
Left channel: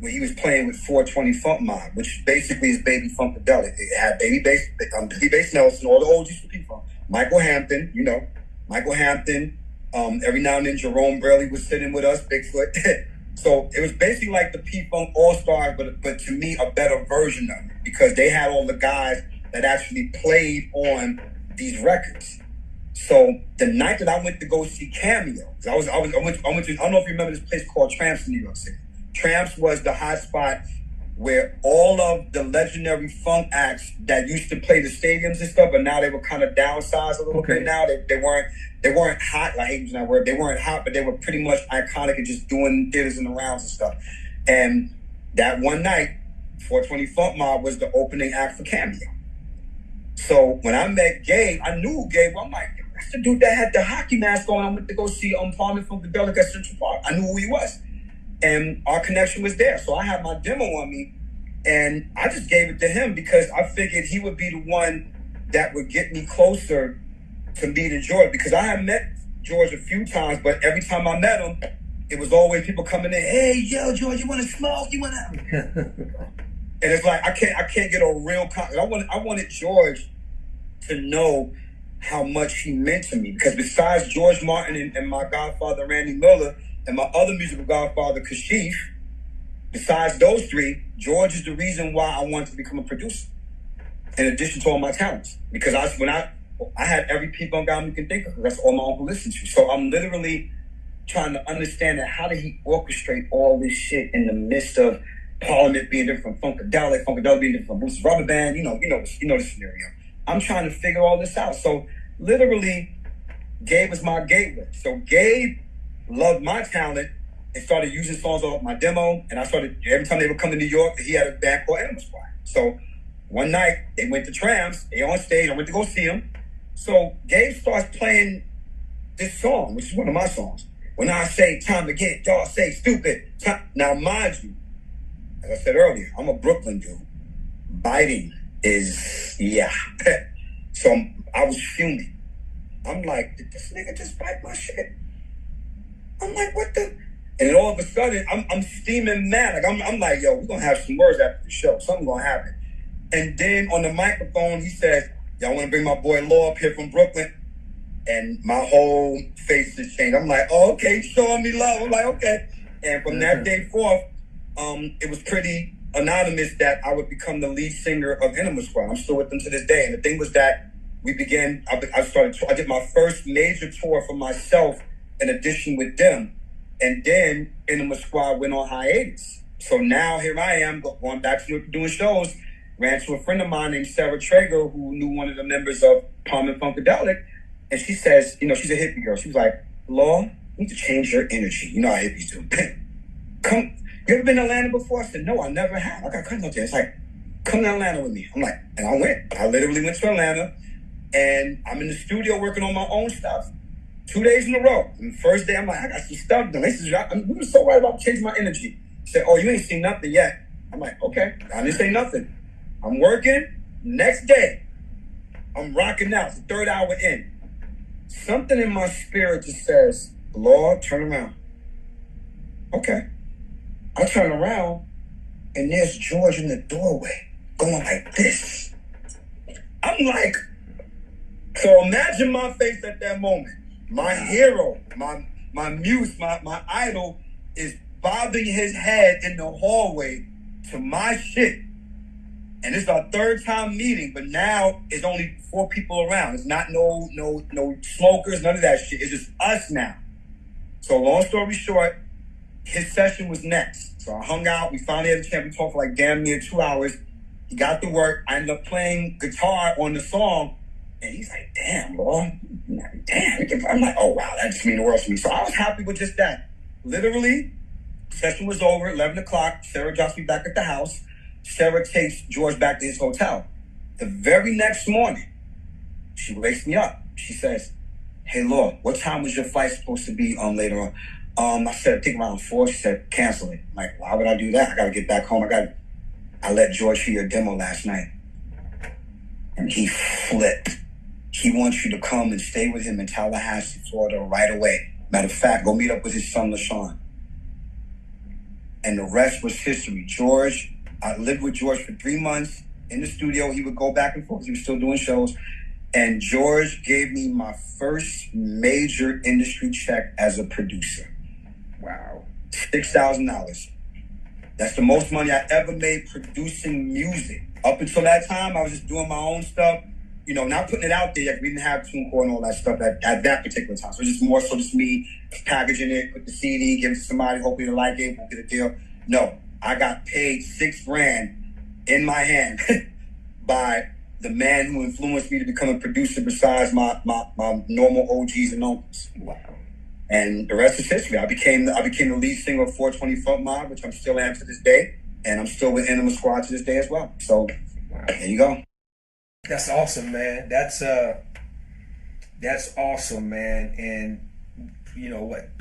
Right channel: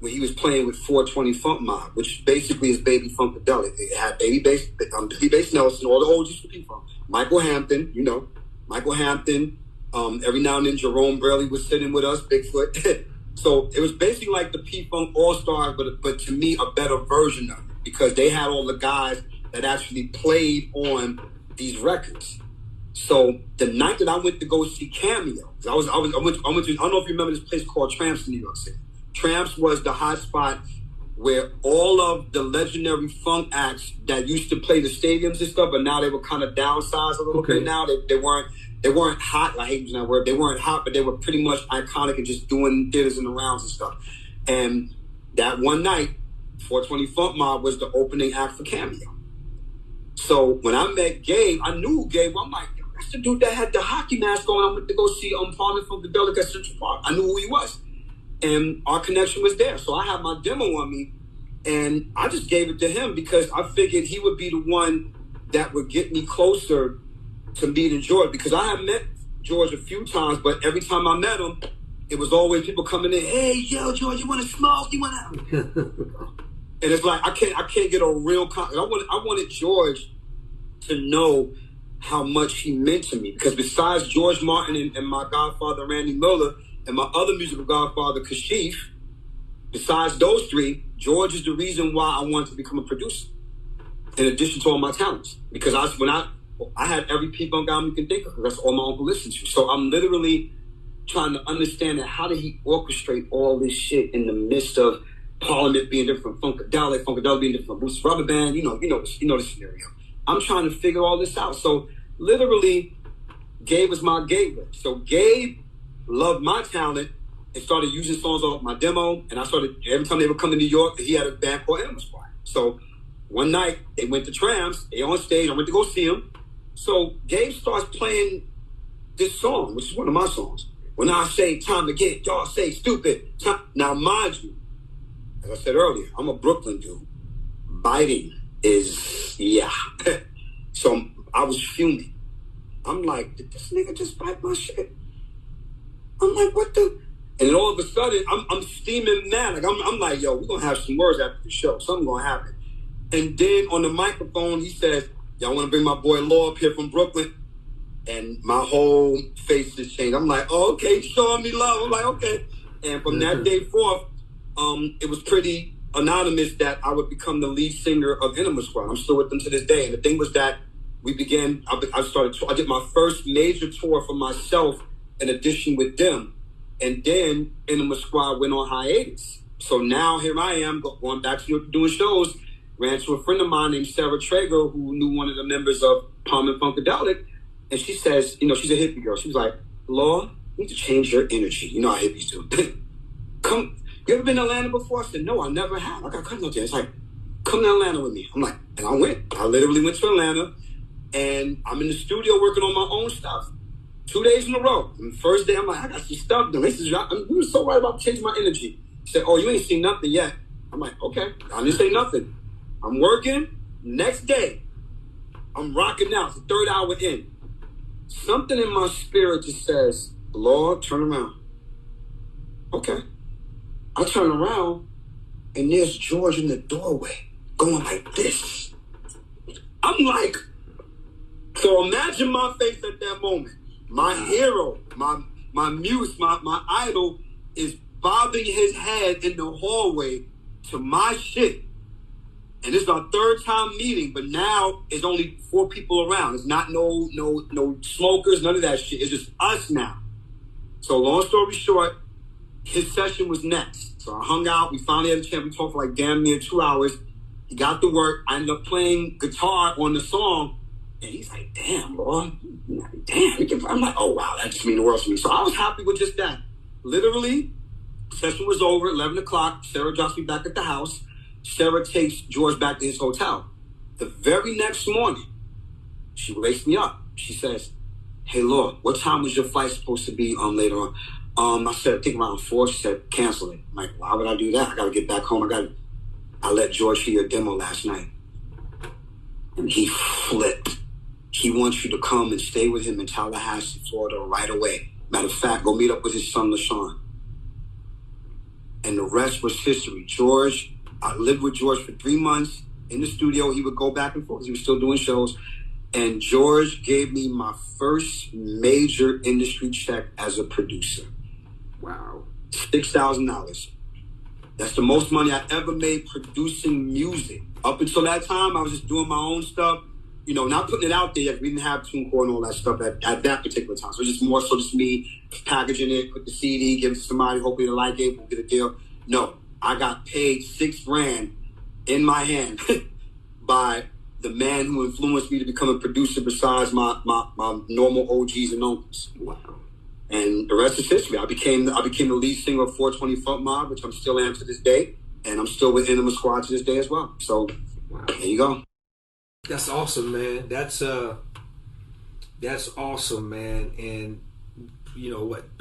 when he was playing with 420 Funk Mob, which basically is Baby Funkadelic. It had Baby Bass Nelson, all the OGs for P-Funk. Michael Hampton, every now and then Jerome Burley was sitting with us, Bigfoot. So it was basically like the P-Funk All-Stars, but to me, a better version of it, because they had all the guys that actually played on these records. So the night that I went to go see Cameo, I went to, I don't know if you remember this place called Tramps in New York City. Tramps was the hot spot where all of the legendary funk acts that used to play the stadiums and stuff, but now they were kind of downsized a little bit now. They weren't hot. I hate using that word. They weren't hot, but they were pretty much iconic and just doing theaters and the rounds and stuff. And that one night, 420 Funk Mob was the opening act for Cameo. So when I met Gabe, I knew Gabe. I'm like, that's the dude that had the hockey mask on. I went to go see Parliament Funkadelic at Central Park. I knew who he was. And our connection was there. So I had my demo on me, and I just gave it to him because I figured he would be the one that would get me closer to meeting George, because I had met George a few times, but every time I met him, it was always people coming in, hey, yo, George, you want to smoke? You want to... And it's like, I can't get a real... I wanted George to know how much he meant to me, because besides George Martin and my godfather, Randy Miller, and my other musical godfather, Kashif, besides those three, George is the reason why I wanted to become a producer, in addition to all my talents. Because I had every P-Funk album you can think of. That's all my uncle listened to. So I'm literally trying to understand that how did he orchestrate all this shit in the midst of Parliament being different from Funkadelic being different from Bruce's Rubber Band, you know the scenario. I'm trying to figure all this out. So literally, Gabe was my gateway. So Gabe loved my talent and started using songs off my demo. And I started, every time they would come to New York, he had a band called Enema Squad. So one night, they went to Tramps, they on stage, I went to go see him. So Gabe starts playing this song, which is one of my songs. When I say time to get, y'all say stupid. Now, mind you, as I said earlier, I'm a Brooklyn dude. Biting is, yeah. So I was fuming. I'm like, did this nigga just bite my shit? I'm like, what the? And then all of a sudden, I'm steaming mad. Like I'm like, yo, we're gonna have some words after the show. Something gonna happen. And then on the microphone, he says, y'all wanna bring my boy Law up here from Brooklyn? And my whole face just changed. I'm like, oh, okay, showing me love. I'm like, okay. And from that day forth, it was pretty anonymous that I would become the lead singer of Enema Squad. I'm still with them to this day. And the thing was that we began. I did my first major tour for myself, in addition with them, and then Enema Squad went on hiatus. So now here I am going back to doing shows. Ran to a friend of mine named Sarah Traeger, who knew one of the members of Palm and Funkadelic, and she says, she's a hippie girl. She was like, "Law, you need to change your energy. You know how hippies do. Come, you ever been to Atlanta before?" I said, "No, I never have. I got cousins out there." It's like, "Come to Atlanta with me." I'm like, and I went. I literally went to Atlanta, and I'm in the studio working on my own stuff. 2 days in a row. And the first day, I'm like, "I got some stuff done." We were so right about changing my energy. She said, "Oh, you ain't seen nothing yet." I'm like, "Okay, I didn't say nothing." I'm working. Next day, I'm rocking out. It's the third hour in. Something in my spirit just says, "Lord, turn around." Okay. I turn around, and there's George in the doorway going like this. I'm like, so imagine my face at that moment. My hero, my muse, my idol is bobbing his head in the hallway to my shit. And this is our third time meeting, but now it's only 4 people around. It's not no smokers, none of that shit. It's just us now. So long story short, his session was next. So I hung out. We finally had a chance. We talked for like damn near 2 hours. He got to work. I ended up playing guitar on the song. And he's like, "Damn, boy. Damn." I'm like, "Oh, wow, that just means the world to me." So I was happy with just that. Literally, session was over, 11 o'clock. Sarah drops me back at the house. Sarah takes George back to his hotel. The very next morning, she wakes me up. She says, "Hey, Lord, what time was your flight supposed to be later on?" I said, "I think around 4. She said, "Cancel it." I'm like, "Why would I do that? I got to get back home. I let George hear your demo last night." And he flipped. He wants you to come and stay with him in Tallahassee, Florida right away. Matter of fact, go meet up with his son, LaShawn. And the rest was history. I lived with George for 3 months in the studio. He would go back and forth. He was still doing shows. And George gave me my first major industry check as a producer. Wow. $6,000. That's the most money I ever made producing music. Up until that time, I was just doing my own stuff. Not putting it out there yet. We didn't have TuneCore and all that stuff at that particular time. So it was just more so just me packaging it, put the CD, give it to somebody, hopefully they like it, we'll get a deal. No, I got paid $6,000 in my hand by the man who influenced me to become a producer besides my normal OGs and uncles. Wow. And the rest is history. I became the lead singer of 420 Funk Mob, which I'm still am to this day. And I'm still with Enema Squad to this day as well. So There you go. That's awesome, man. That's awesome, man. And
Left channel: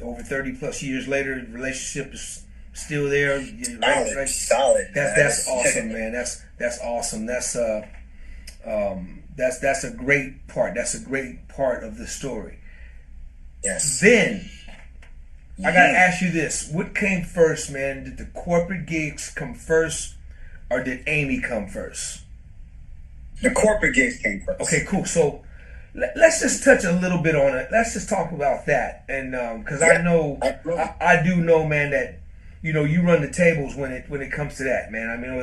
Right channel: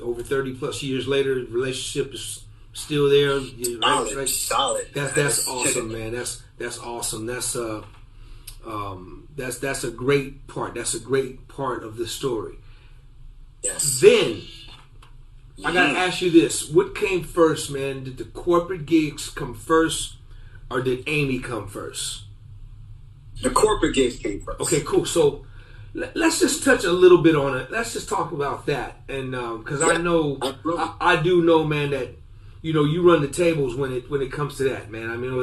over 30 plus years later, the relationship is still there. Right? Solid. That's awesome, man. That's awesome. That's a great part. That's a great part of the story. Yes. Then I gotta ask you this: what came first, man? Did the corporate gigs come first, or did Amy come first? The corporate gigs came first. Okay, cool. So let's just touch a little bit on it. Let's just talk about that, and because I know, I do know, man, that you run the tables when it comes to that, man. I mean,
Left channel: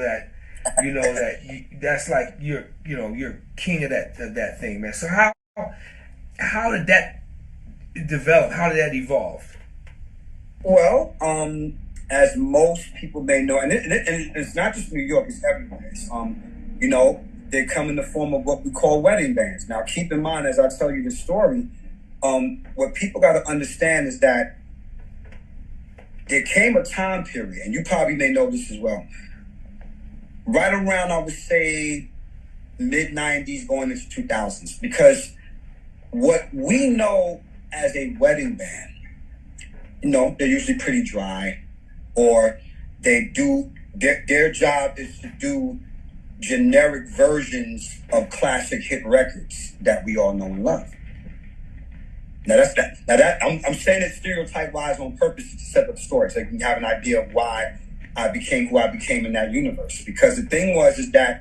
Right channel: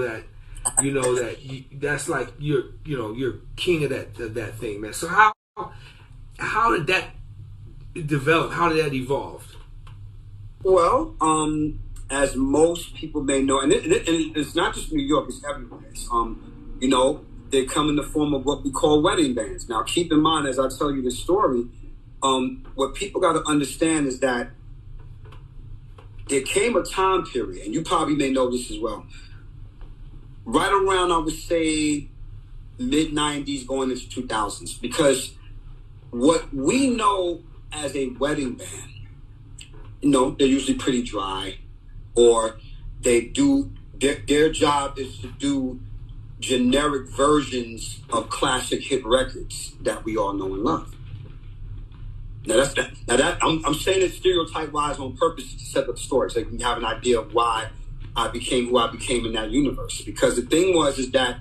that's like you're king of that thing, man. So how did that develop? How did that evolve? Well, as most people may know, and it's not just New York; it's everywhere. They come in the form of what we call wedding bands. Now, keep in mind, as I tell you this story, what people got to understand is that there came a time period, and you probably may know this as well, right around, I would say, mid-90s going into 2000s, because what we know as a wedding band, they're usually pretty dry, or they do, their job is to do generic versions of classic hit records that we all know and love. Now I'm saying it stereotype-wise on purpose to set up the story so you can have an idea of why I became who I became in that universe. Because the thing is that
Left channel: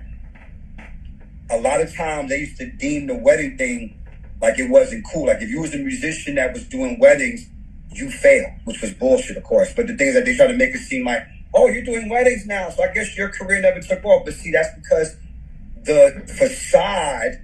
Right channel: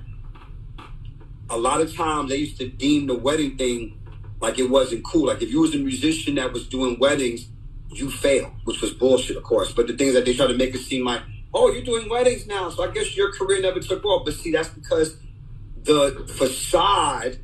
a lot of times they used to deem the wedding thing like it wasn't cool. Like if you was a musician that was doing weddings, you failed, which was bullshit, of course. But the thing is that they try to make it seem like, oh, you're doing weddings now, so I guess your career never took off. But see, that's because the facade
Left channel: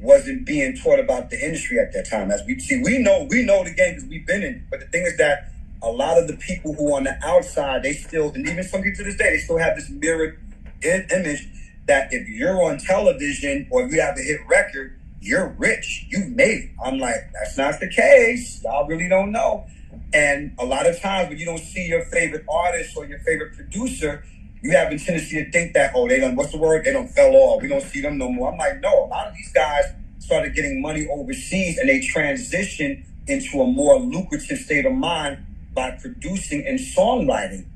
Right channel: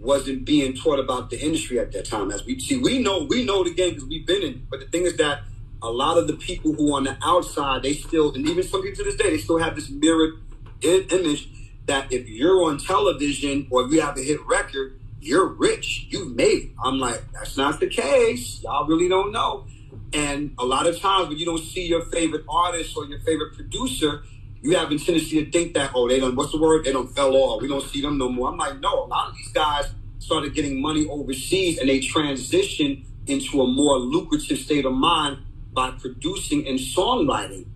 wasn't being taught about the industry at that time. As we see, we know the game because we've been in it. But the thing is that a lot of the people who are on the outside, they still, and even some people to this day, they still have this mirrored image that if you're on television or if you have a hit record, you're rich, you've made it. I'm like, that's not the case. Y'all really don't know. And a lot of times when you don't see your favorite artist or your favorite producer, you have a tendency to think that, oh, they don't, what's the word? They don't fell off. We don't see them no more. I'm like, no, a lot of these guys started getting money overseas and they transitioned into a more lucrative state of mind by producing and songwriting.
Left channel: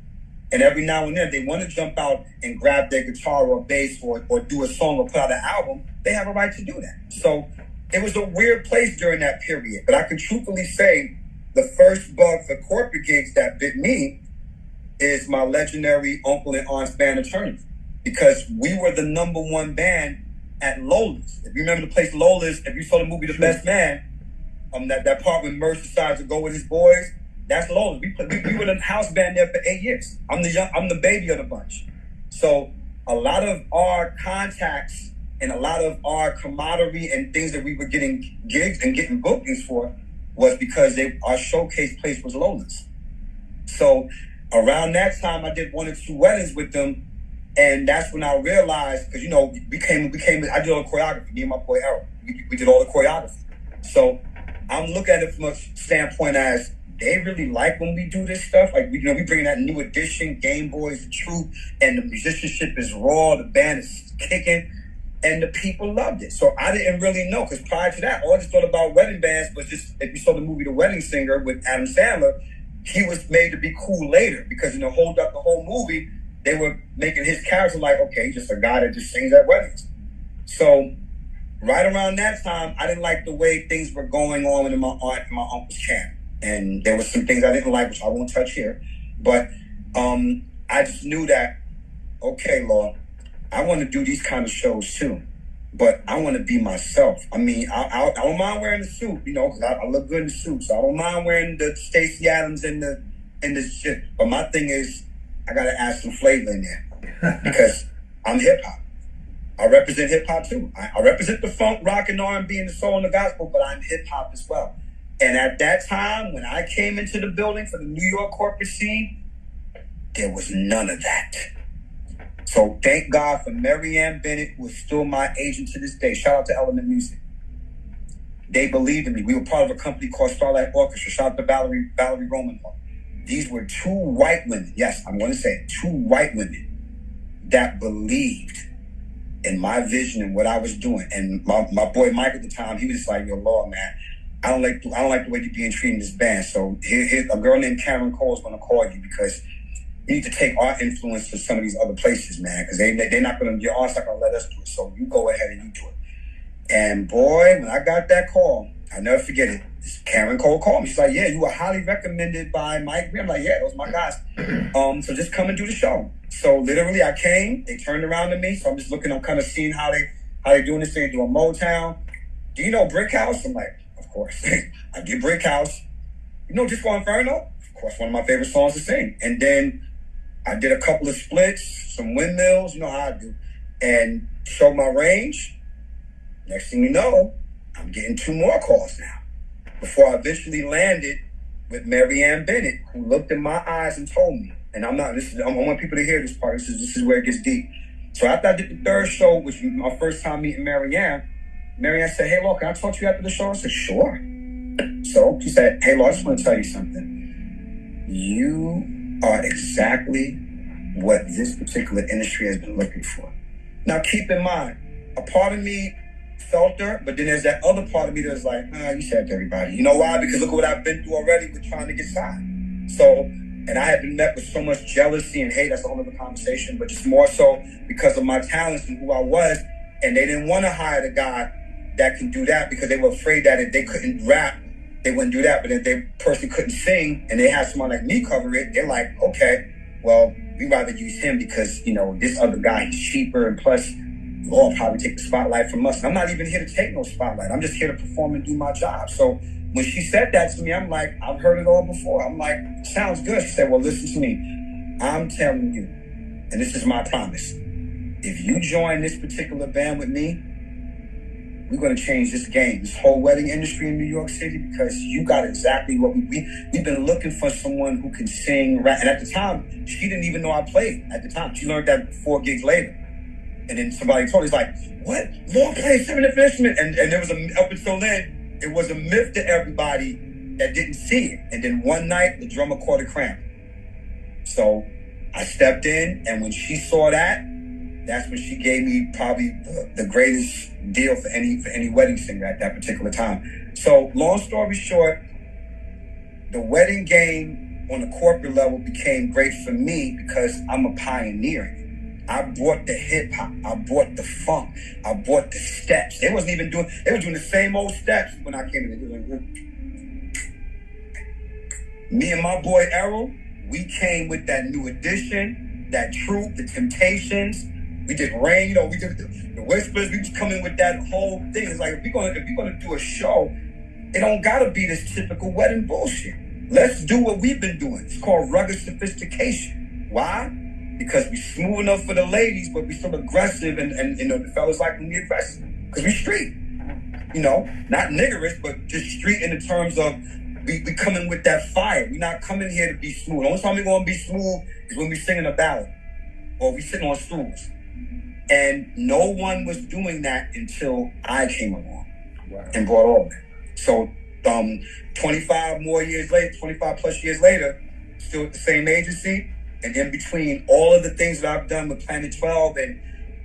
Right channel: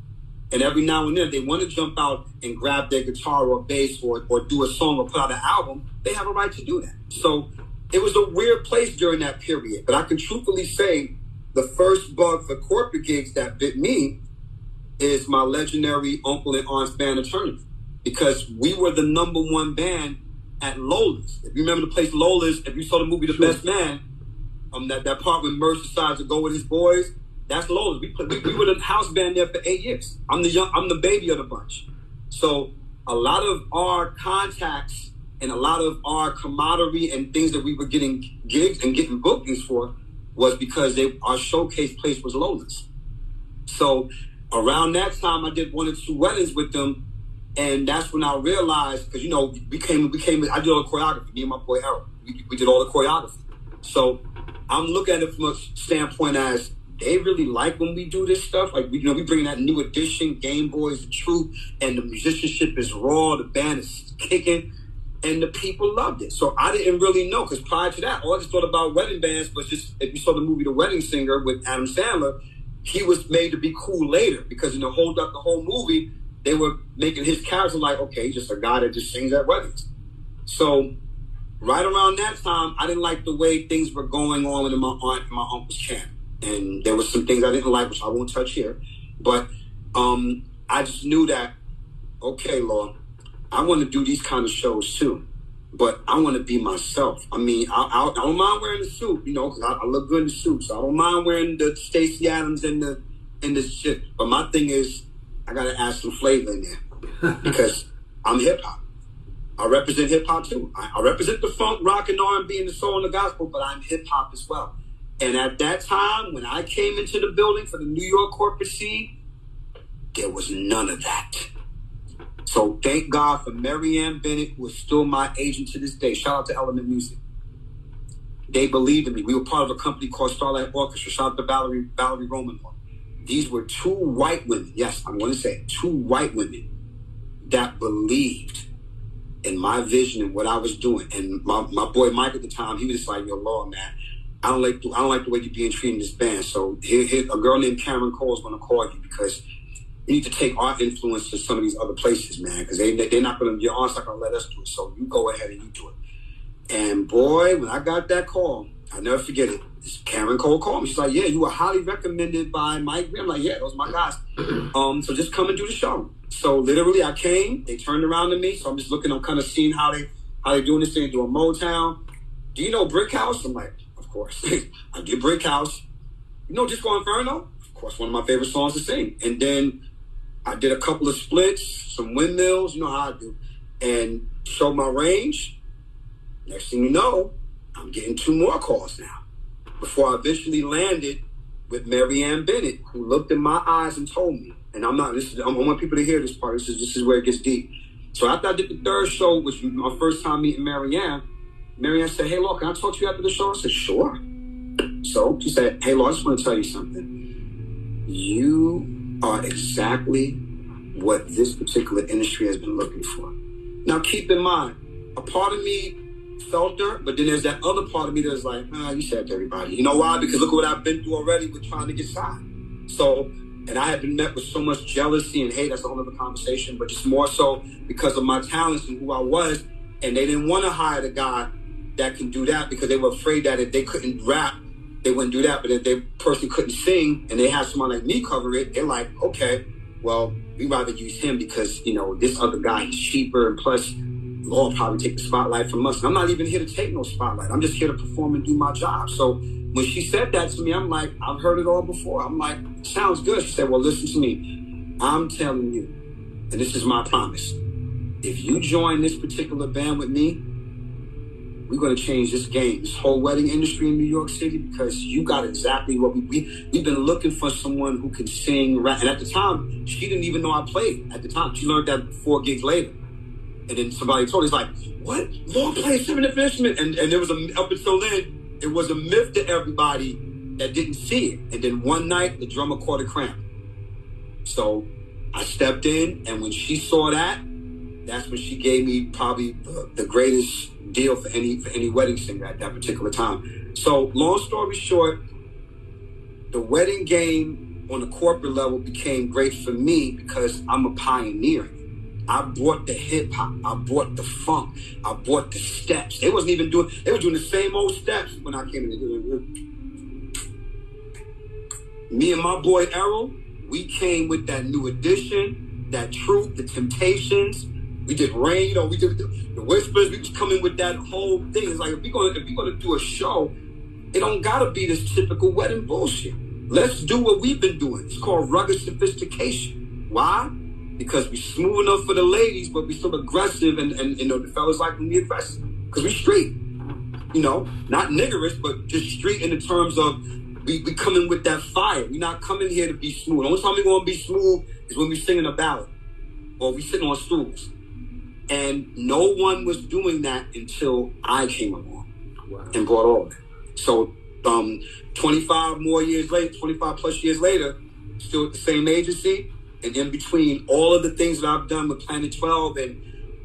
And every now and then they want to jump out and grab their guitar or bass or do a song or put out an album. They have a right to do that. So it was a weird place during that period. But I can truthfully say the first bug for corporate gigs that bit me is my legendary Uncle and Aunt's band of tournament, because we were the number one band at Lola's. If you remember the place Lola's, if you saw the movie The Best Man, that part when Merce decides to go with his boys, that's Lola's. We were the house band there for 8 years. I'm the baby of the bunch. So a lot of our contacts and a lot of our camaraderie and things that we were getting gigs and getting bookings for was because our showcase place was Lola's. So around that time, I did 1 or 2 weddings with them, and that's when I realized, because we came. I did all the choreography. Me and my boy Eric, we did all the choreography. So I'm looking at it from a standpoint as they really like when we do this stuff. Like we bring that new edition, Game Boys, the Truth, and the musicianship is raw. The band is kicking, and the people loved it. So I didn't really know, because prior to that, all I just thought about wedding bands was just, if you saw the movie The Wedding Singer with Adam Sandler, he was made to be cool later, because the whole movie, they were making his character like, okay, he's just a guy that just sings at weddings. So right around that time, I didn't like the way things were going on in my aunt and my uncle's camp. And there was some things I didn't like, which I won't touch here. But I just knew that, okay, Law, I want to do these kind of shows too. But I want to be myself. I mean, I don't mind wearing the suit, because I look good in the suit. So I don't mind wearing the Stacey Adams and the shit. But my thing is, I got to add some flavor in there, because I'm hip hop. I represent hip hop too. I represent the funk, rock, and R&B, and the soul and the gospel, but I'm hip hop as well. And at that time, when I came into the building for the New York corporate scene, there was none of that. So thank God for Mary Ann Bennett, who is still my agent to this day. Shout out to Element Music. They believed in me. We were part of a company called Starlight Orchestra. Shout out to Valerie Romanoff. These were 2 white women. Yes, I'm going to say it, 2 white women that believed in my vision and what I was doing. And my boy Mike at the time, he was just like, yo, Law, man, I don't like the way you're being treated in this band. So here a girl named Karen Cole is going to call you, because you need to take our influence to some of these other places, man, because they're not going to, your aunt's not going to let us do it. So you go ahead and you do it. And boy, when I got that call, I'll never forget it. Karen Cole called me. She's like, yeah, you were highly recommended by Mike. I'm like, yeah, those are my guys. So just come and do the show. So literally I came, they turned around to me. So I'm just looking, I'm kind of seeing how they doing this thing, doing Motown. Do you know Brick House? I'm like, of course. I did Brick House. You know Disco Inferno? Of course, one of my favorite songs to sing. And then I did a couple of splits, some windmills, you know how I do, and showed my range. Next thing you know, I'm getting 2 more calls now, before I eventually landed with Mary Ann Bennett, who looked in my eyes and told me, and I want people to hear this part. This is where it gets deep. So after I did the 3rd show, which was my first time meeting Mary Ann said, hey, Law, can I talk to you after the show? I said, sure. So she said, hey, Law, I just want to tell you something. You are exactly what this particular industry has been looking for. Now, keep in mind, a part of me felt her, but then there's that other part of me that's like, you said to everybody. You know why? Because look at what I've been through already with trying to get signed. So, and I had been met with so much jealousy and hate. That's a whole other conversation, but just more so because of my talents and who I was. And they didn't want to hire the guy that can do that, because they were afraid that if they couldn't rap, they wouldn't do that. But if the person couldn't sing and they had someone like me cover it, they're like, okay, well, we'd rather use him because, this other guy, he's cheaper, and plus Law will probably take the spotlight from us. And I'm not even here to take no spotlight. I'm just here to perform and do my job. So when she said that to me, I'm like, I've heard it all before. I'm like, sounds good. She said, well, listen to me. I'm telling you, and this is my promise. If you join this particular band with me, we're going to change this game, this whole wedding industry in New York City, because you got exactly what we've been looking for, someone who can sing, rap. And at the time, she didn't even know I played at the time. She learned that 4 gigs later. And then somebody told her, it's like, what? Lord plays 7 different instruments. And there was up until then, it was a myth to everybody that didn't see it. And then one night, the drummer caught a cramp. So I stepped in, and when she saw that, that's when she gave me probably the greatest deal for any wedding singer at that particular time. So long story short, the wedding game on the corporate level became great for me because I'm a pioneer. I brought the hip hop, I brought the funk, I brought the steps. They were doing the same old steps when I came in. Me and my boy Errol, we came with that new edition, that Troop, the Temptations. We did Rain, we did the Whispers. We just come in with that whole thing. It's like, if we're gonna do a show, it don't gotta be this typical wedding bullshit. Let's do what we've been doing. It's called rugged sophistication. Why? Because we smooth enough for the ladies, but we still aggressive, and the fellas like when we aggressive. Because we street. Not niggerish, but just street in the terms of we come in with that fire. We're not coming here to be smooth. The only time we're gonna be smooth is when we singing a ballad or we sitting on stools. And no one was doing that until I came along. Wow. And brought all that. So 25 plus years later, still at the same agency, and in between all of the things that I've done with Planet 12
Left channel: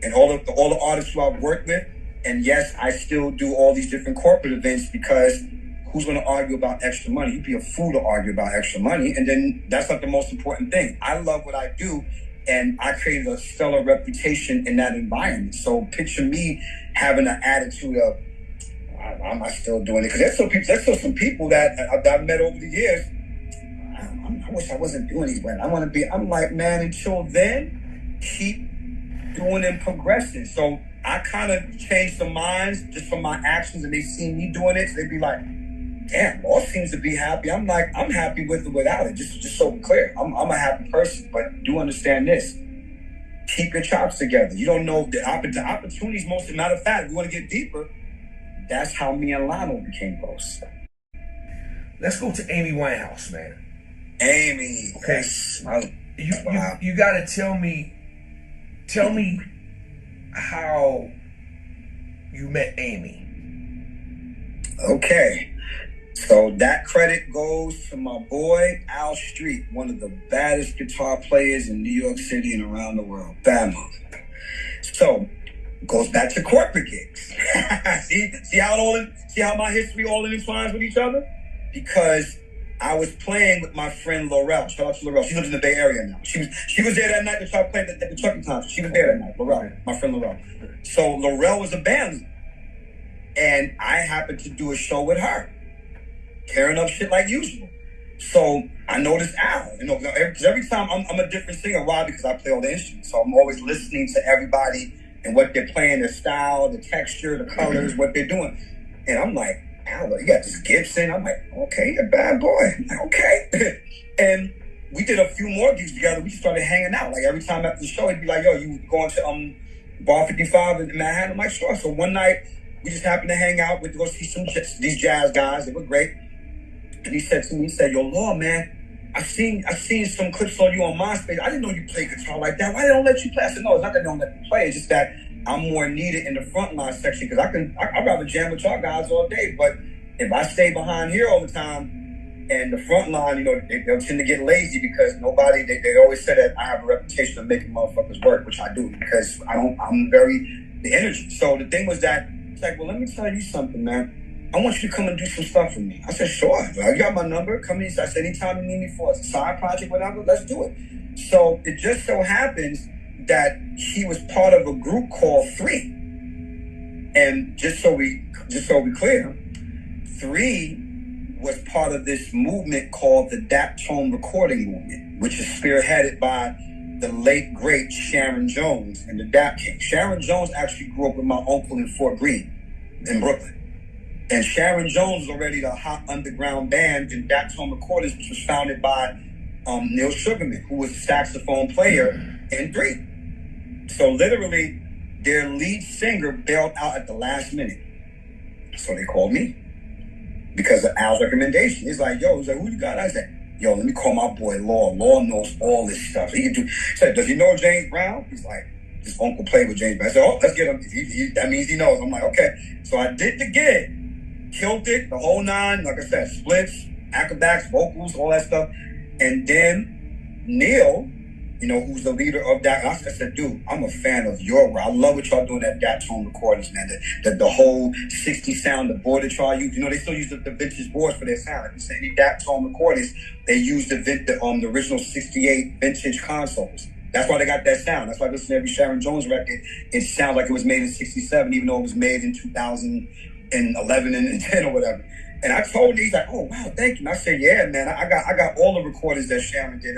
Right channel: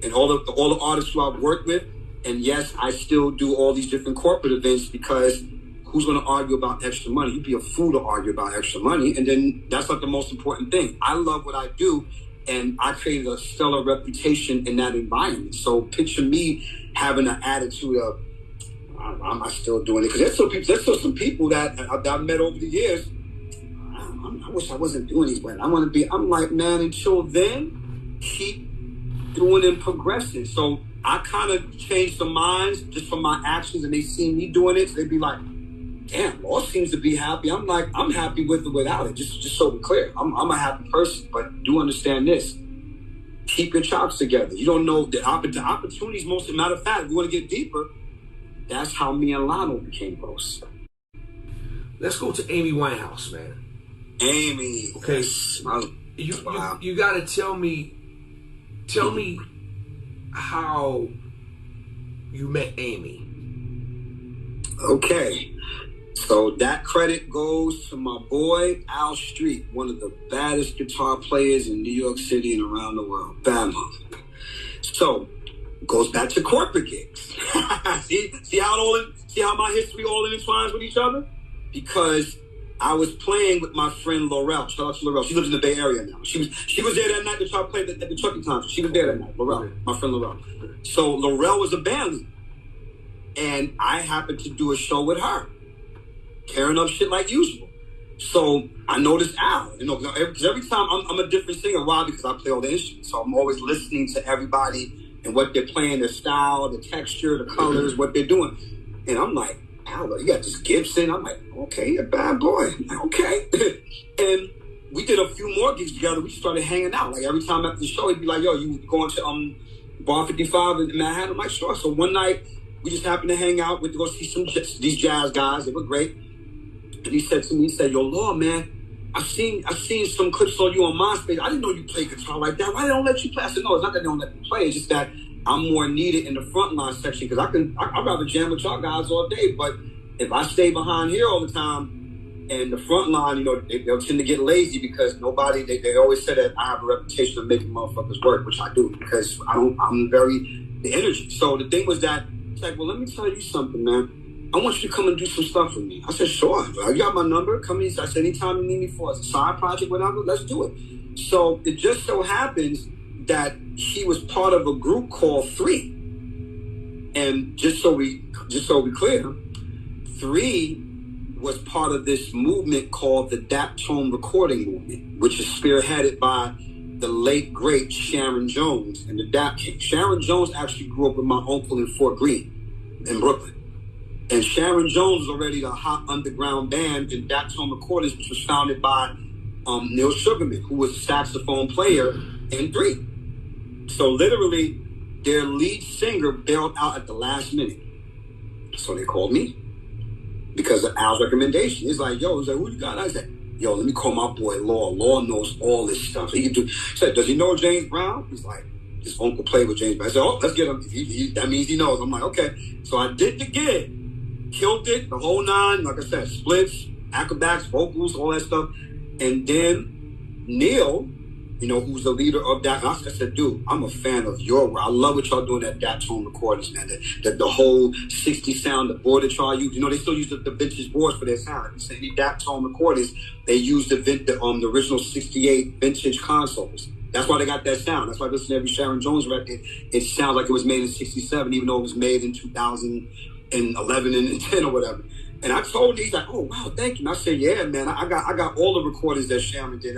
and all the artists who I've worked with, and yes, I still do all these different corporate events, because who's going to argue about extra money? You'd be a fool to argue about extra money, and then that's not the most important thing. I love what I do, and I created a stellar reputation in that environment. So picture me having an attitude of, am I still doing it? Because there's still some people that I've met over the years. I wish I wasn't doing these weddings. I'm like, man, until then, keep doing and progressing. So I kind of changed some minds just from my actions, and they see me doing it. So they'd be like, damn, Law seems to be happy. I'm like, I'm happy with it without it. Just so we're clear. I'm a happy person, but do understand this. Keep your chops together. You don't know the opportunities. Matter of fact, if you want to get deeper, that's how me and Lionel became close. Let's go to Amy Winehouse, man. Amy. Okay. Yes. You gotta tell me how you met Amy. Okay. So that credit goes to my boy Al Street, one of the baddest guitar players in New York City and around the world. Bama. So goes back to corporate gigs. see how my history all intertwines with each other? Because I was playing with my friend Laurel. Shout out to Laurel. She lives in the Bay Area now. She was there that night that y'all played at the Trucking Concert. She was there that night. Laurel, my friend Laurel. So Laurel was a band leader, and I happened to do a show with her, tearing up shit like usual. So I noticed Al, because every time I'm a different singer. Why? Because I play all the instruments. So I'm always listening to everybody and what they're playing, their style, the texture, the colors, what they're doing. And I'm like, Al, you got this Gibson. I'm like, okay, you're a bad boy. I'm like, okay. And we did a few more gigs together. We just started hanging out. Like every time after the show, he'd be like, yo, you going to Bar 55 in Manhattan? I'm like, sure. So one night, we just happened to hang out. We went to go see these jazz guys. They were great. And he said to me, yo, Law, man, I seen some clips on you on MySpace. I didn't know you played guitar like that. Why they don't let you play? I said, no, it's not that they don't let me play. It's just that I'm more needed in the front line section, because I'd rather jam with y'all guys all day. But if I stay behind here all the time and the front line, they'll tend to get lazy, because they always say that I have a reputation of making motherfuckers work, which I do, because I'm the energy. So the thing was that, it's like, well, let me tell you something, man. I want you to come and do some stuff for me. I said, sure. You got my number. Come in. I said, anytime you need me for a side project, whatever, let's do it. So it just so happens that he was part of a group called 3. And just so we clear, 3 was part of this movement called the Daptone Recording Movement, which is spearheaded by the late, great Sharon Jones and the Dap King. Sharon Jones actually grew up with my uncle in Fort Greene in Brooklyn. And Sharon Jones was already the hot underground band in Daptone Recordings, which was founded by Neil Sugarman, who was a saxophone player in 3. So literally, their lead singer bailed out at the last minute. So they called me because of Al's recommendation. He's like, yo, he's like, who you got? I said, yo, let me call my boy Law. Law knows all this stuff. He can do. He said, does he know James Brown? He's like, his uncle played with James Brown. I said, oh, let's get him. That means he knows. I'm like, okay. So I did the gig, killed it, the whole nine. Like I said, splits, acrobats, vocals, all that stuff. And then Neil, you know, who's the leader of that. I said, dude, I'm a fan of your work. I love what y'all doing at that tone recordings, man. The whole 60 sound, the board that y'all use. You know, they still use the vintage boards for their sound. Like you say, any that tone recordings, they use the original 68 vintage consoles. That's why they got that sound. That's why I listen to every Sharon Jones record. It sounds like it was made in 67, even though it was made in 2011 and 10 or whatever. And I told him, he's like, oh, wow, thank you. And I said, yeah, man, I got all the recordings that Sharon did.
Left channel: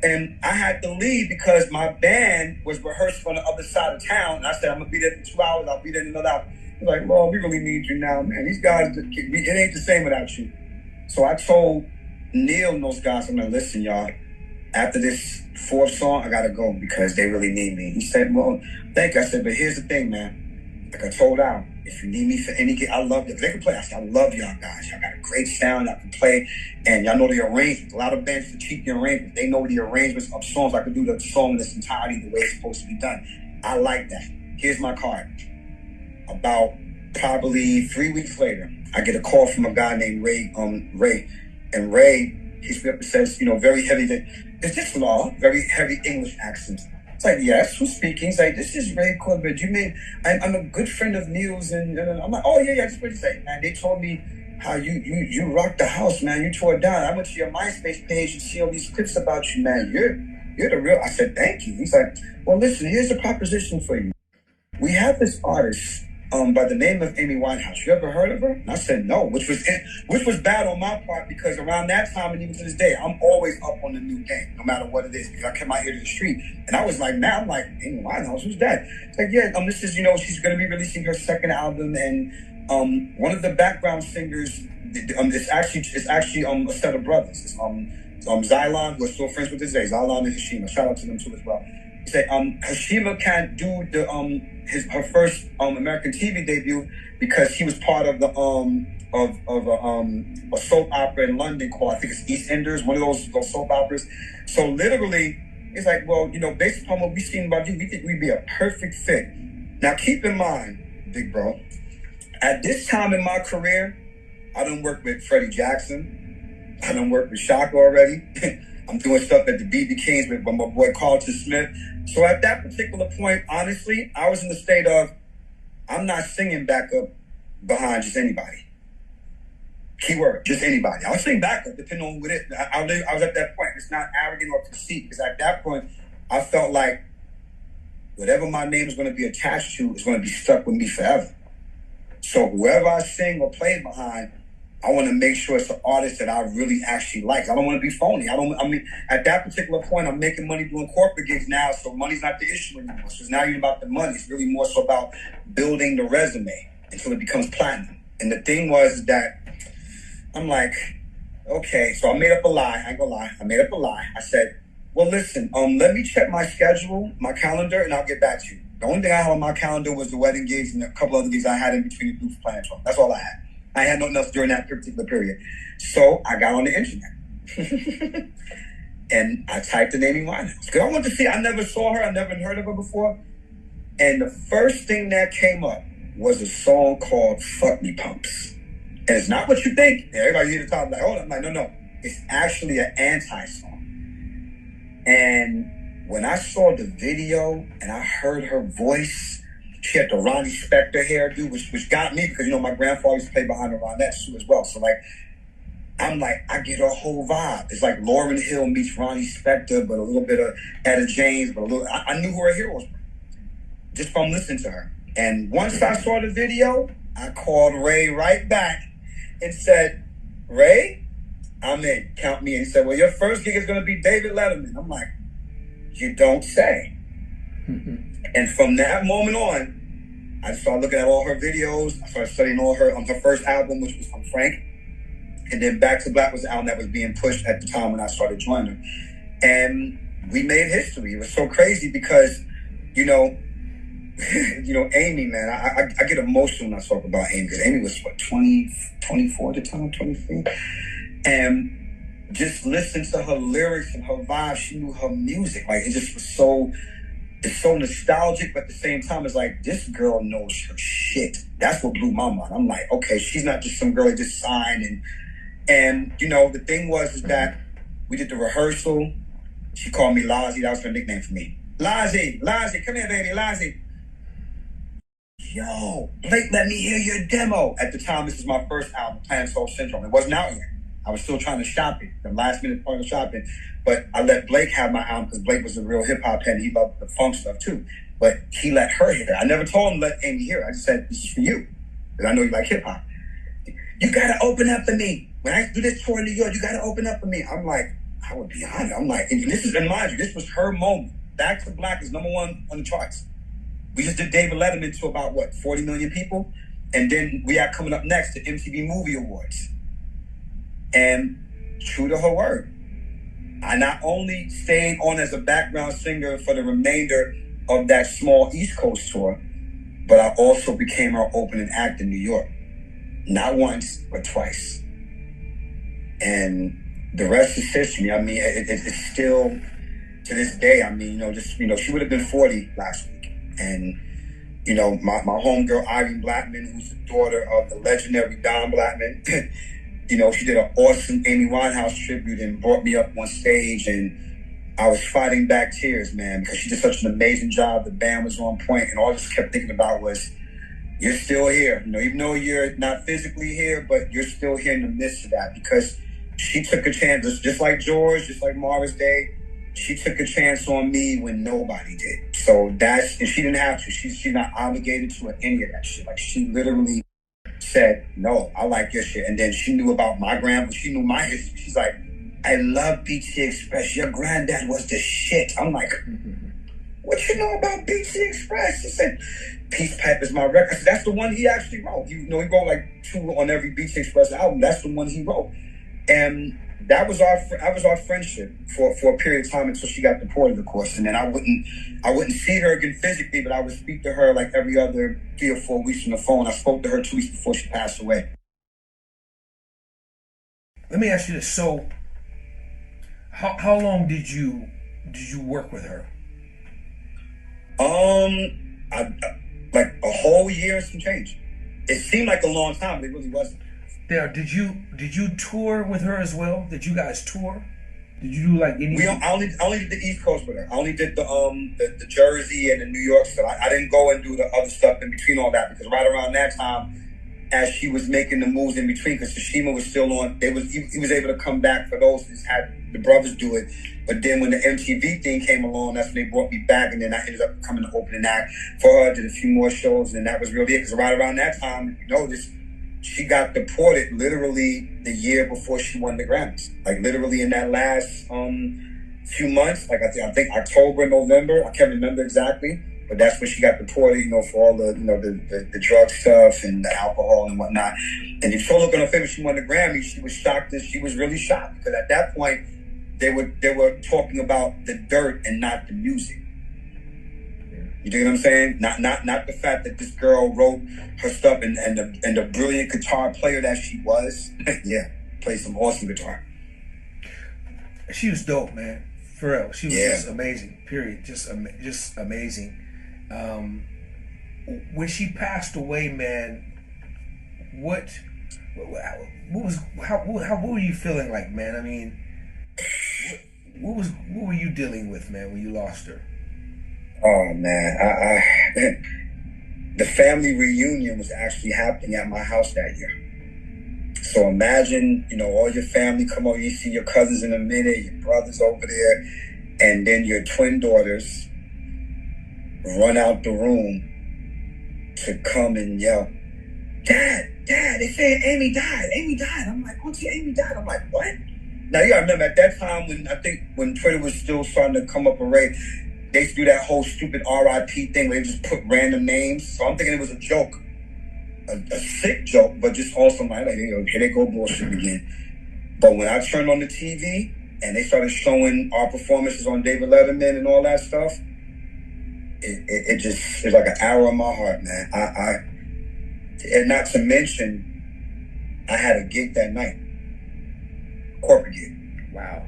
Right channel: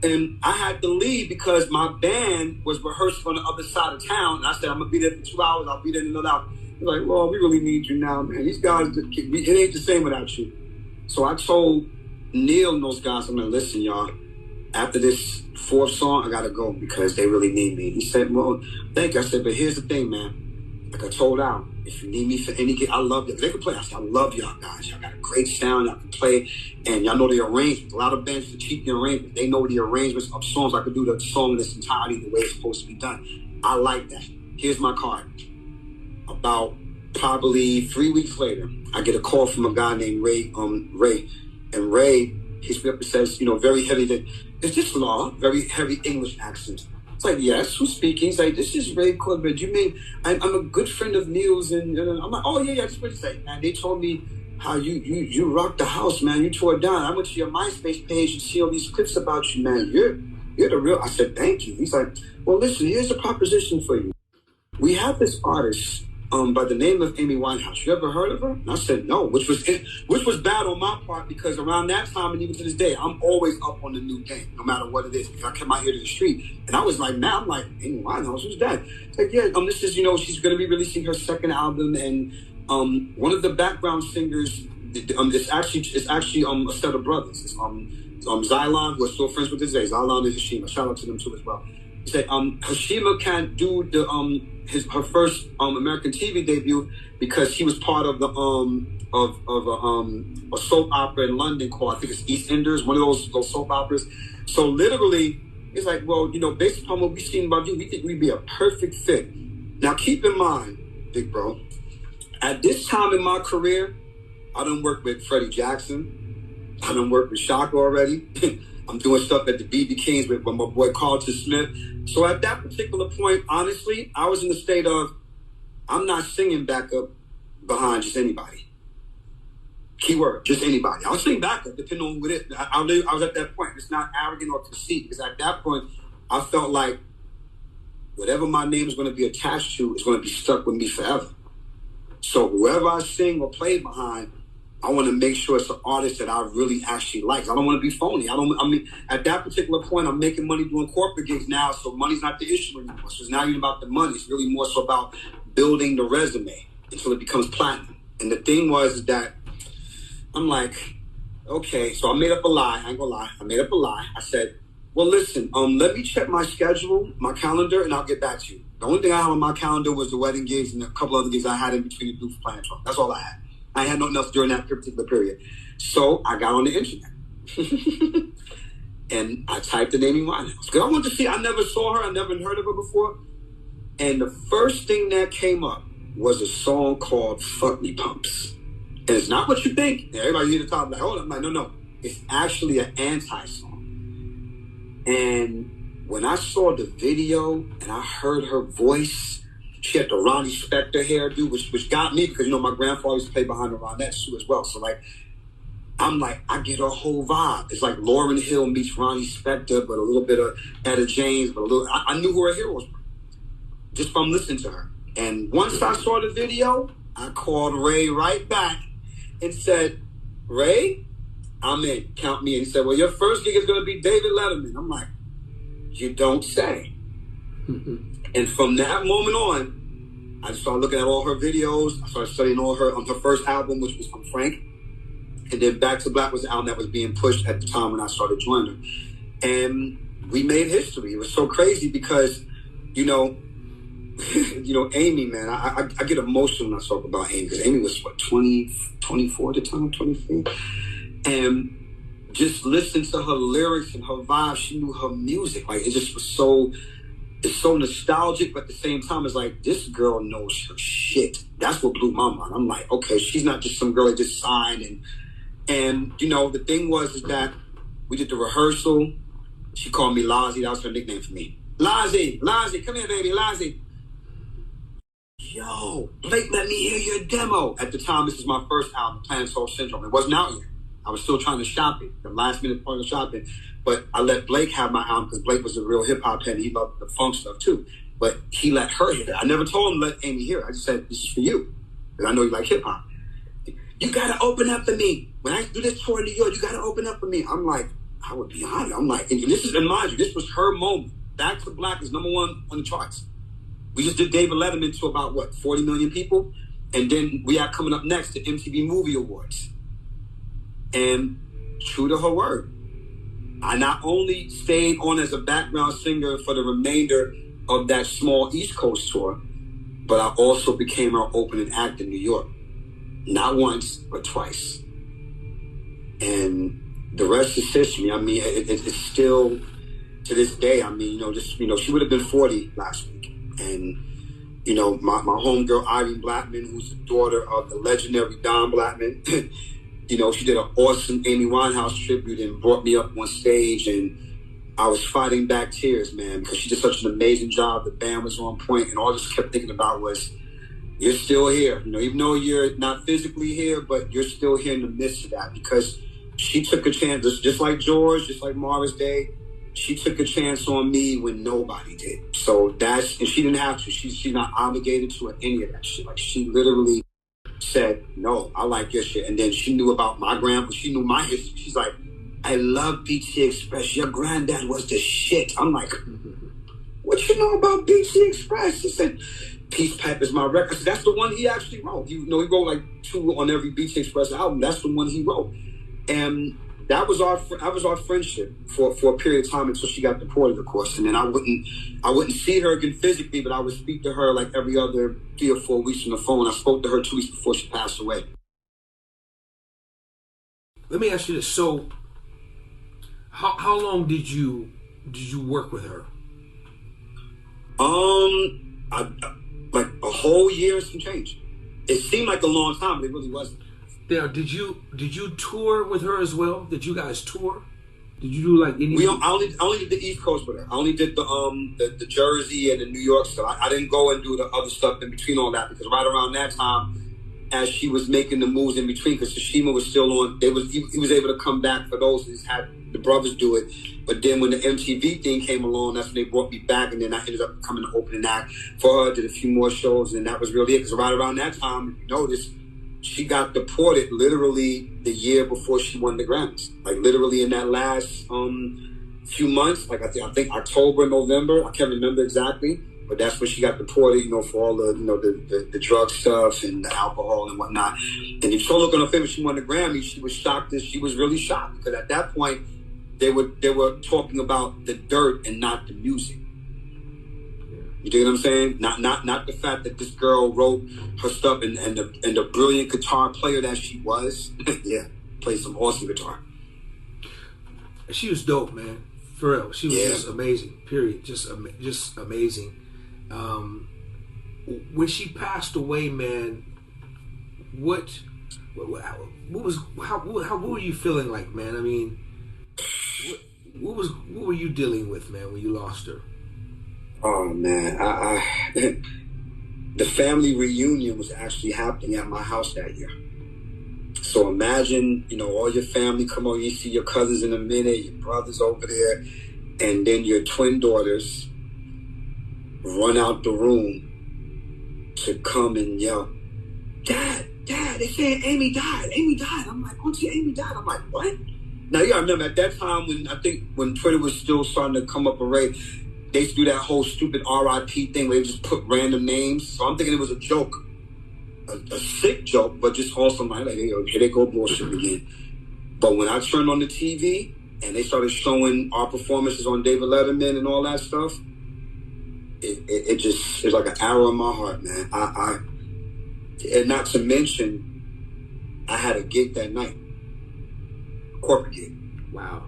And I had to leave because my band was rehearsing on the other side of town. And I said, I'm going to be there for 2 hours. I'll be there in another hour. He's like, Lord, we really need you now, man. These guys, it ain't the same without you. So I told Neil and those guys, I'm like, listen, y'all, after this fourth song, I got to go because they really need me. He said, well, thank you. I said, but here's the thing, man. Like I told Al, if you need me for any gig, I love you. They can play. I said, I love y'all guys. Y'all got a great sound. Y'all can play. And y'all know the arrangements. A lot of bands that cheat the arrangements. They know the arrangements of songs. I could do the song in its entirety the way it's supposed to be done. I like that. Here's my card. About probably 3 weeks later, I get a call from a guy named Ray. And Ray hits me up and says, you know, very heavy. Is this Law? Very heavy English accent. It's like, yes, who's speaking? He's like, this is Ray Corbett. I'm a good friend of Neil's. And I'm like, oh, yeah, just what you say. And they told me how you rocked the house, man. You tore it down. I went to your MySpace page and see all these clips about you, man. You're the real. I said, thank you. He's like, well, listen, here's a proposition for you. We have this artist by the name of Amy Winehouse. You ever heard of her? And I said no, which was bad on my part because around that time and even to this day, I'm always up on the new game, no matter what it is, because I kept my ear to the street. And I was like, now I'm like, Amy Winehouse, who's that? It's like, yeah, this is, you know, she's going to be releasing her second album, and one of the background singers, it's actually a set of brothers. It's Xylon, who are still friends with this day, Xylon and Hashima. Shout out to them too as well. He said Hashima can't do her first American TV debut because he was part of the a soap opera in London called, I think it's EastEnders, one of those soap operas. So literally, it's like, well, you know, based upon what we've seen about you, we think we'd be a perfect fit. Now, keep in mind, big bro, at this time in my career, I done worked with Freddie Jackson. I done worked with Shaka already. I'm doing stuff at the BB Kings with my boy Carlton Smith. So at that particular point, honestly, I was in the state of, I'm not singing backup behind just anybody. Keyword, just anybody. I'll sing backup depending on what it is. I was at that point. It's not arrogant or conceit, because at that point, I felt like whatever my name is going to be attached to is going to be stuck with me forever. So whoever I sing or play behind, I want to make sure it's an artist that I really actually like. I don't want to be phony. At that particular point, I'm making money doing corporate gigs now, so money's not the issue anymore. So it's not even about the money. It's really more so about building the resume until it becomes platinum. And the thing was that I'm like, okay, so I made up a lie. I ain't gonna lie. I made up a lie. I said, well, listen, let me check my schedule, my calendar, and I'll get back to you. The only thing I had on my calendar was the wedding gigs and a couple other gigs I had in between the Doof Plan Trump. That's all I had. I had nothing else during that particular period. So I got on the internet. And I typed in Amy Winehouse. Because I wanted to see, I never saw her, I never heard of her before. And the first thing that came up was a song called Fuck Me Pumps. And it's not what you think. Everybody hear the top like, oh, I'm like, no. It's actually an anti-song. And when I saw the video and I heard her voice, she had the Ronnie Spector hairdo, which got me because, you know, my grandfather used to play behind the Ronettes too as well. So, like, I'm like, I get her whole vibe. It's like Lauryn Hill meets Ronnie Spector, but a little bit of Etta James, but a little, I knew who her heroes were just from listening to her. And once I saw the video, I called Ray right back and said, Ray, I'm in, count me in. He said, well, your first gig is going to be David Letterman. I'm like, you don't say. And from that moment on, I started looking at all her videos. I started studying all her first album, which was from Frank. And then Back to Black was the album that was being pushed at the time when I started joining her. And we made history. It was so crazy because, you know, you know, Amy, man, I get emotional when I talk about Amy, because Amy was, what, 24 at the time, 23? And just listening to her lyrics and her vibe, she knew her music. Like, it just was it's so nostalgic, but at the same time, it's like, this girl knows her shit. That's what blew my mind. I'm like, okay, she's not just some girl that just signed. And you know, the thing is that we did the rehearsal. She called me Lozzie. That was her nickname for me. Lozzie, come here, baby, Lozzie. Yo, Blake, let me hear your demo. At the time, this is my first album, Plan Soul Syndrome. It wasn't out yet. I was still trying to shop it, the last minute part of shopping. But I let Blake have my album because Blake was a real hip hop head. He loved the funk stuff too. But he let her hear it. I never told him to let Amy hear it. I just said, this is for you, because I know you like hip hop. You gotta open up for me. When I do this tour in New York, you gotta open up for me. I'm like, I would be honored. I'm like, and mind you, this was her moment. Back to Black is #1 on the charts. We just did David Letterman to about, what, 40 million people? And then we are coming up next to MTV Movie Awards. And true to her word, I not only stayed on as a background singer for the remainder of that small East Coast tour, but I also became her opening act in New York. Not once, but twice. And the rest is history. I mean, it's still, to this day, I mean, she would have been 40 last week. And, you know, my homegirl, Irene Blackman, who's the daughter of the legendary Don Blackman, you know, she did an awesome Amy Winehouse tribute and brought me up on stage, and I was fighting back tears, man, because she did such an amazing job. The band was on point, and all I just kept thinking about was, you're still here. You know, even though you're not physically here, but you're still here in the midst of that, because she took a chance, just like George, just like Morris Day. She took a chance on me when nobody did. So and she didn't have to. She's not obligated to any of that shit. Like, she literally said, no, I like your shit. And then she knew about my grandpa. She knew my history. She's like, I love BT Express. Your granddad was the shit. I'm like, what you know about BT Express? She said, Peace Pipe is my record. I said, that's the one he actually wrote. He wrote like 2 on every BT Express album. That's the one he wrote. And that was our friendship for a period of time until she got deported, of course. And then I wouldn't see her again physically, but I would speak to her like every other 3 or 4 weeks on the phone. I spoke to her 2 weeks before she passed away. Let me ask you this. So, how long did you work with her? Like a whole year and some change. It seemed like a long time, but it really wasn't. Now, did you tour with her as well? Did you guys tour? Did you do like any? I only did the East Coast with her. I only did the Jersey and the New York stuff. I didn't go and do the other stuff in between all that, because right around that time, as she was making the moves in between, because Tashima was still on, he was able to come back for those. He just had the brothers do it. But then when the MTV thing came along, that's when they brought me back, and then I ended up becoming the opening act for her. Did a few more shows, and that was really it. Because right around that time, if you notice, she got deported literally the year before she won the Grammys. Like, literally in that last few months, like I think October, November, I can't remember exactly, but that's when she got deported, for all the, the drug stuff and the alcohol and whatnot. And if you look on her face when she won the Grammy, she was shocked. She was really shocked, because at that point, they were talking about the dirt and not the music. You dig what I'm saying? Not the fact that this girl wrote her stuff and the brilliant guitar player that she was. Yeah, played some awesome guitar. She was dope, man. For real, she was just amazing. Period. Just amazing. When she passed away, man, what were you feeling like, man? I mean, what were you dealing with, man, when you lost her? Oh man, the family reunion was actually happening at my house that year. So imagine, all your family come over, you see your cousins in a minute, your brothers over there, and then your twin daughters run out the room to come and yell, Dad, they said Amy died. I'm like, Auntie, Amy died. I'm like, what? Now, you gotta remember, at that time, when Twitter was still starting to come up array, they used to do that whole stupid RIP thing where they just put random names. So I'm thinking it was a joke, a sick joke, but just also like, here they go bullshit again. But when I turned on the TV and they started showing our performances on David Letterman and all that stuff, it just, it's like an arrow in my heart, man. And not to mention, I had a gig that night, corporate gig. Wow.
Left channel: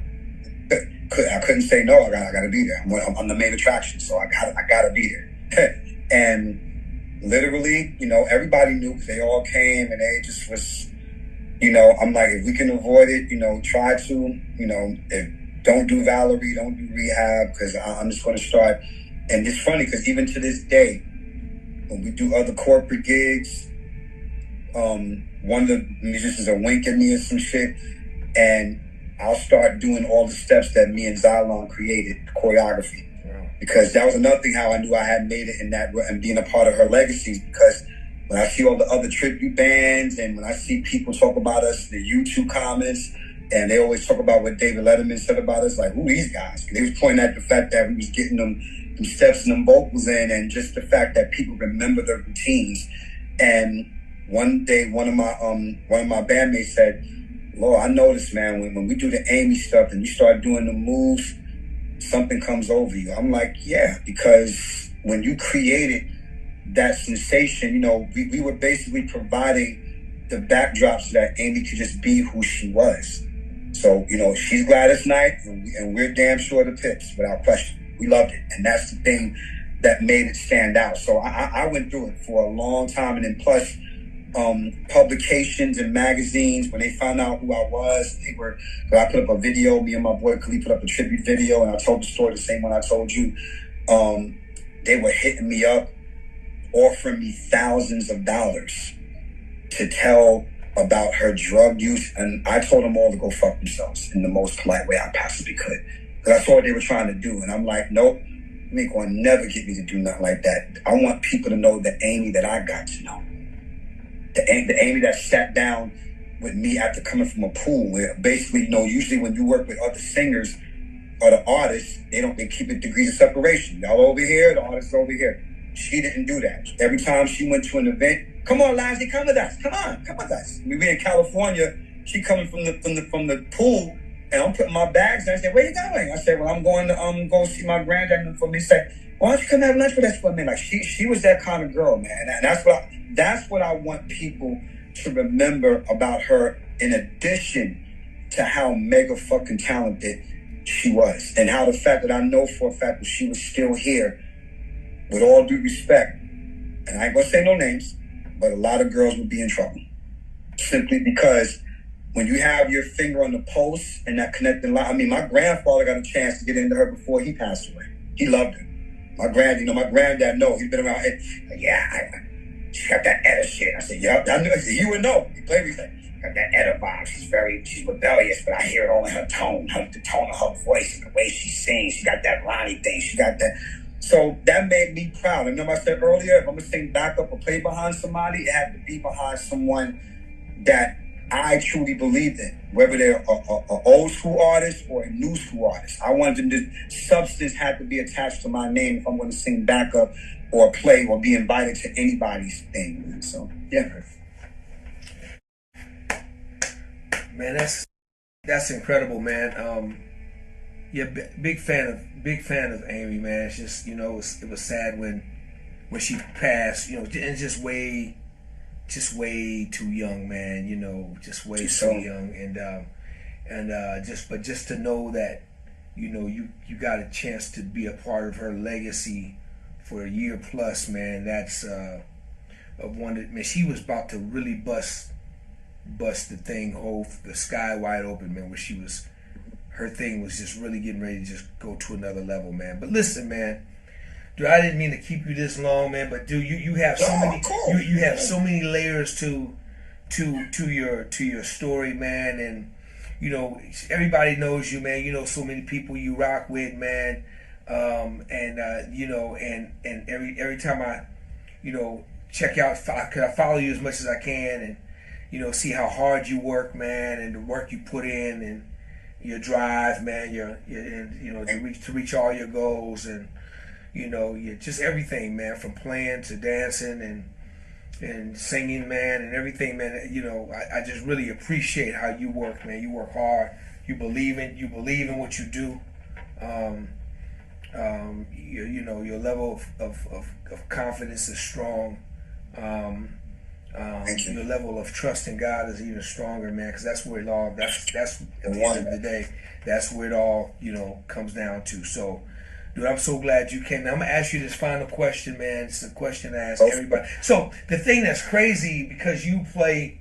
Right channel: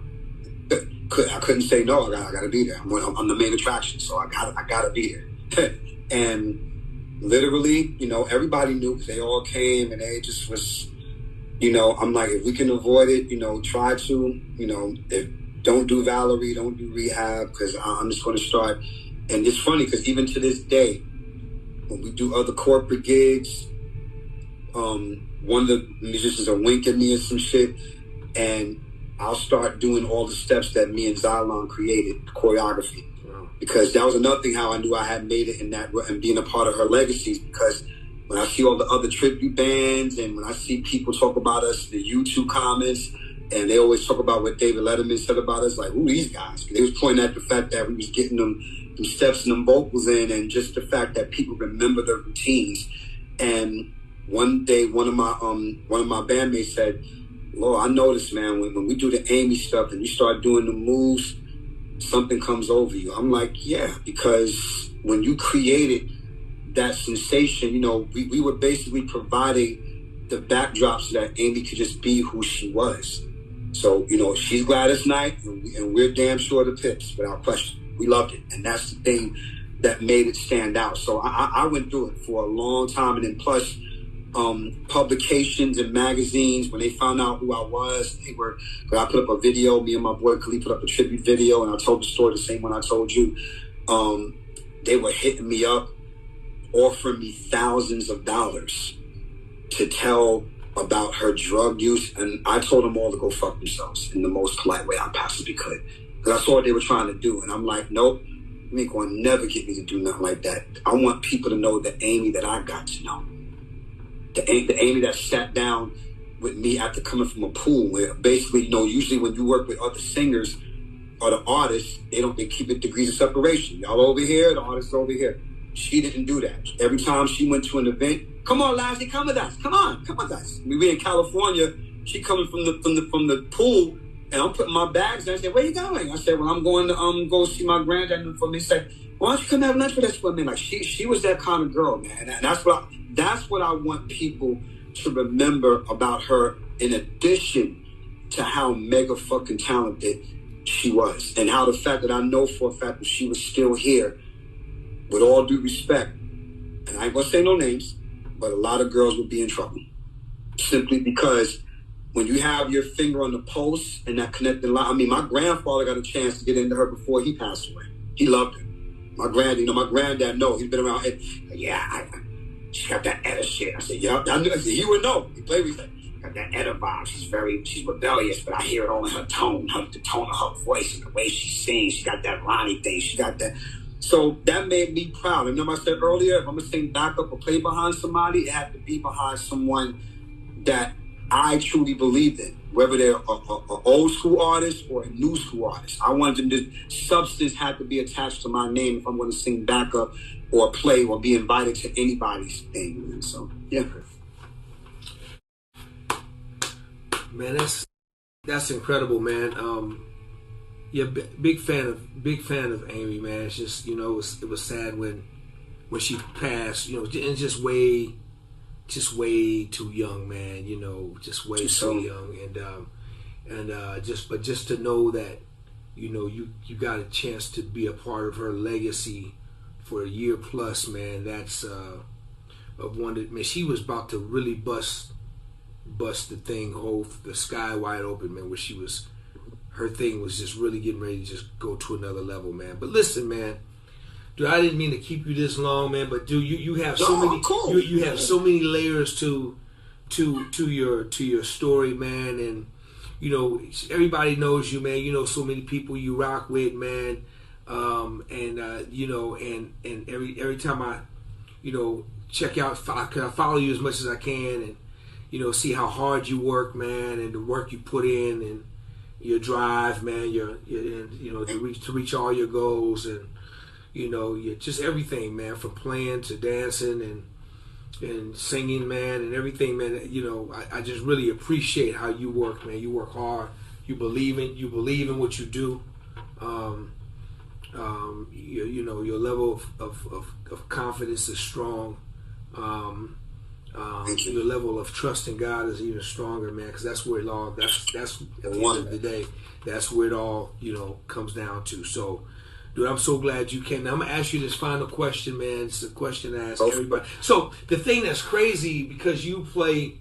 I couldn't say no. I got to be there. I'm the main attraction, so I got to be there. And literally, you know, everybody knew because they all came and they just was, you know, I'm like, if we can avoid it, you know, try to, you know, don't do Valerie, don't do rehab, because I'm just going to start. And it's funny because even to this day, when we do other corporate gigs, one of the musicians will wink at me or some shit, and I'll start doing all the steps that me and Xylon created, choreography. Wow. Because that was another thing how I knew I had made it in that and being a part of her legacies. Because when I see all the other tribute bands and when I see people talk about us, the YouTube comments, and they always talk about what David Letterman said about us, like, who these guys? They was pointing at the fact that we was getting them steps and them vocals in, and just the fact that people remember their routines. And one day, one of my bandmates said, Lord, I noticed, man, when we do the Amy stuff and you start doing the moves, something comes over you. I'm like, yeah, because when you created that sensation, you know, we were basically providing the backdrop so that Amy could just be who she was. So, you know, she's Gladys Knight, and we're damn sure the Pips, without question. We loved it. And that's the thing that made it stand out. So I went through it for a long time. And then plus, publications and magazines, when they found out who I was, I put up a video, me and my boy Khalid put up a tribute video, and I told the story, the same one I told you. They were hitting me up, offering me thousands of dollars to tell about her drug use, and I told them all to go fuck themselves in the most polite way I possibly could, because I saw what they were trying to do, and I'm like, nope, you ain't gonna never get me to do nothing like that. I want people to know the Amy that I got to know. The Amy that sat down with me after coming from a pool, where basically, you know, usually when you work with other singers or the artists, they keep it degrees of separation. Y'all over here, the artists over here. She didn't do that. Every time she went to an event, come on, Lassie, come with us. Come with us. We in California. She coming from the pool, and I'm putting my bags down. I said, where you going? I said, well, I'm going to go see my granddad for me. He said, why don't you come have lunch with us for a minute? Like she was that kind of girl, man. And that's what I want people to remember about her, in addition to how mega fucking talented she was, and how the fact that I know for a fact that she was still here, with all due respect, and I ain't gonna say no names, but a lot of girls would be in trouble. Simply because when you have your finger on the pulse and that connecting line, I mean, my grandfather got a chance to get into her before he passed away. He loved her. My granddad, no, he's been around. She got that Etta shit. I said, yeah, I knew. I said, you would know. He played with me. Got that Etta vibe. She's rebellious, but I hear it all in her tone, the tone of her voice and the way she sings. She got that Ronnie thing. She got that. So that made me proud. And remember I said earlier, if I'm going to sing backup or play behind somebody, it had to be behind someone that I truly believed in, whether they're a old school artist or a new school artist. I wanted them to, substance had to be attached to my name if I'm going to sing backup or play or be invited to anybody's thing. So, yeah. Man, that's incredible, man. Yeah, big fan of Amy, man. It's just, you know, it was sad when she passed, you know, and just way too young, man. You know, just way too young, and just to know that, you know, you got a chance to be a part of her legacy for a year plus, man. That's of one that, man, she was about to really bust the thing, the sky wide open, man. Where her thing was just really getting ready to just go to another level, man. But listen, man, dude, I didn't mean to keep you this long, man. But dude, you have so many, you have so many layers to your story, man. And you know, everybody knows you, man. You know, so many people you rock with, man. You know, and every time I, you know, check out, I follow you as much as I can, and you know, see how hard you work, man, and the work you put in, and your drive, man, your and, you know, to reach all your goals, and you know, just everything, man, from playing to dancing and singing, man, and everything, man. You know, I just really appreciate how you work, man. You work hard. You believe in what you do. You know, your level of confidence is strong. Thank you. Your level of trust in God is even stronger, man, because that's where it all, that's at the end of the day, that's where it all, you know, comes down to. So, dude, I'm so glad you came. Now, I'm going to ask you this final question, man. It's a question to ask everybody. So, the thing that's crazy, because you play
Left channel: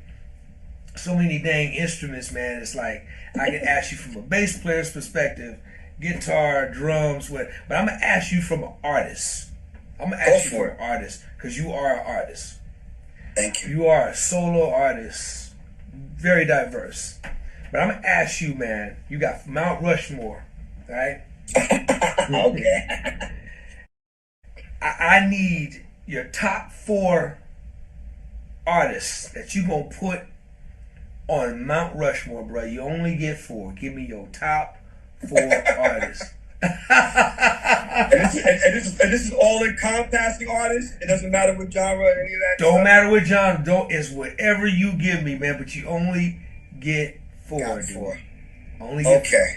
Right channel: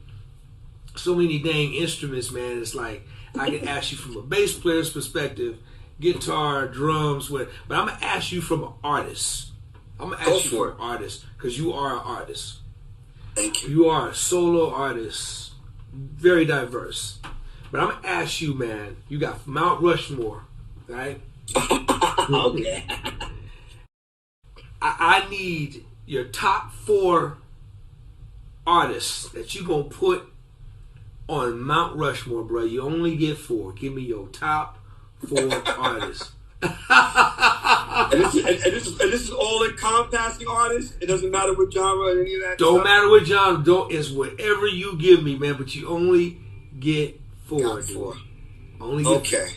so many dang instruments, man, it's like, I can ask you from a bass player's perspective, guitar, drums, but I'm going to ask you from an artist. I'm going to ask you from an artist, because you are an artist. Thank you. You are a solo artist, very diverse. But I'm going to ask you, man, you got Mount Rushmore, right? Okay. I need your top 4 artists that you going to put on Mount Rushmore, bro. You only get 4. Give me your top 4 artists. And this is all encompassing artists. It doesn't matter what genre or any of that. Don't matter what genre. It's whatever you give me, man. But you only get 4, dude. 4. Only get okay.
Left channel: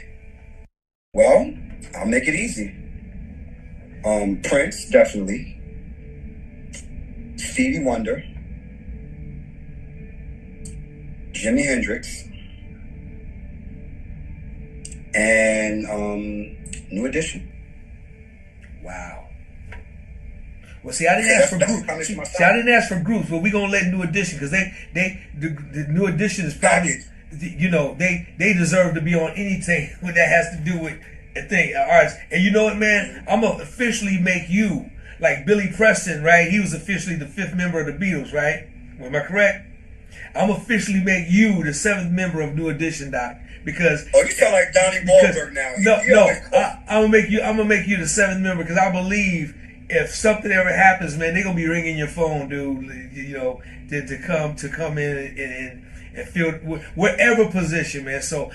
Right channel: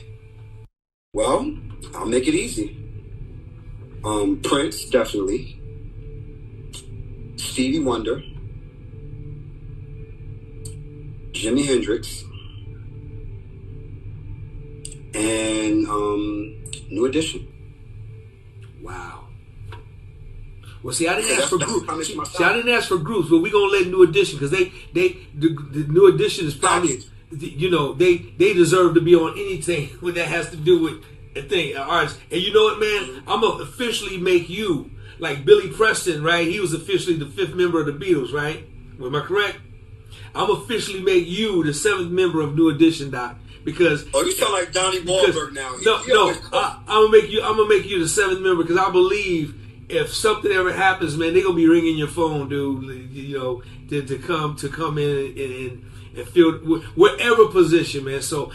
4. Well, I'll make it easy. Prince, definitely. Stevie Wonder. Jimi Hendrix. And New Edition. Wow. Well, see, I didn't ask for groups. See, I didn't ask for groups, but we're gonna let New Edition, because the New Edition is probably, you know, they deserve to be on anything that has to do with a thing, artists. And you know what, man? I'm gonna officially make you like Billy Preston, right? He was officially the 5th member of the Beatles, right? Am I correct? I'm officially make you the 7th member of New Edition, Doc. Because you sound like Donnie Wahlberg now. I'm gonna make you the 7th member, because I believe if something ever happens, man, they're gonna be ringing your phone, dude. You know, to come in and fill whatever position, man. So,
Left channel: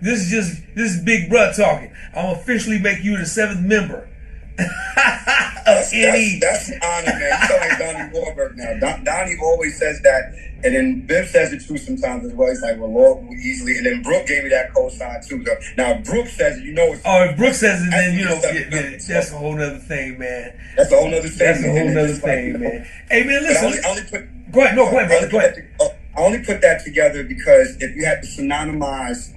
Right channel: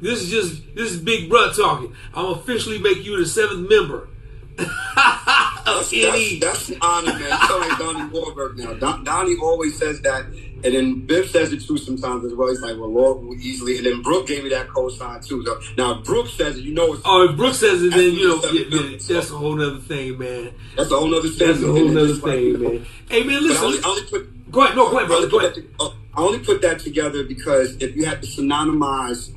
this is Big Bruh talking. I'm officially make you the 7th member. That's an honor, man. You sound like Donnie Wahlberg now. Donnie always says that. And then Biff says it too sometimes as well. He's like, well, Lord will easily. And then Brooke gave me that cosign too. So now if Brooke says it, you know it's. Oh, if Brooke says it, then you know that's a whole nother thing, man. That's a whole nother thing. That's a whole nother thing, man. Hey, man, listen. Go ahead, brother. Go ahead. I only put that together because if you had to synonymize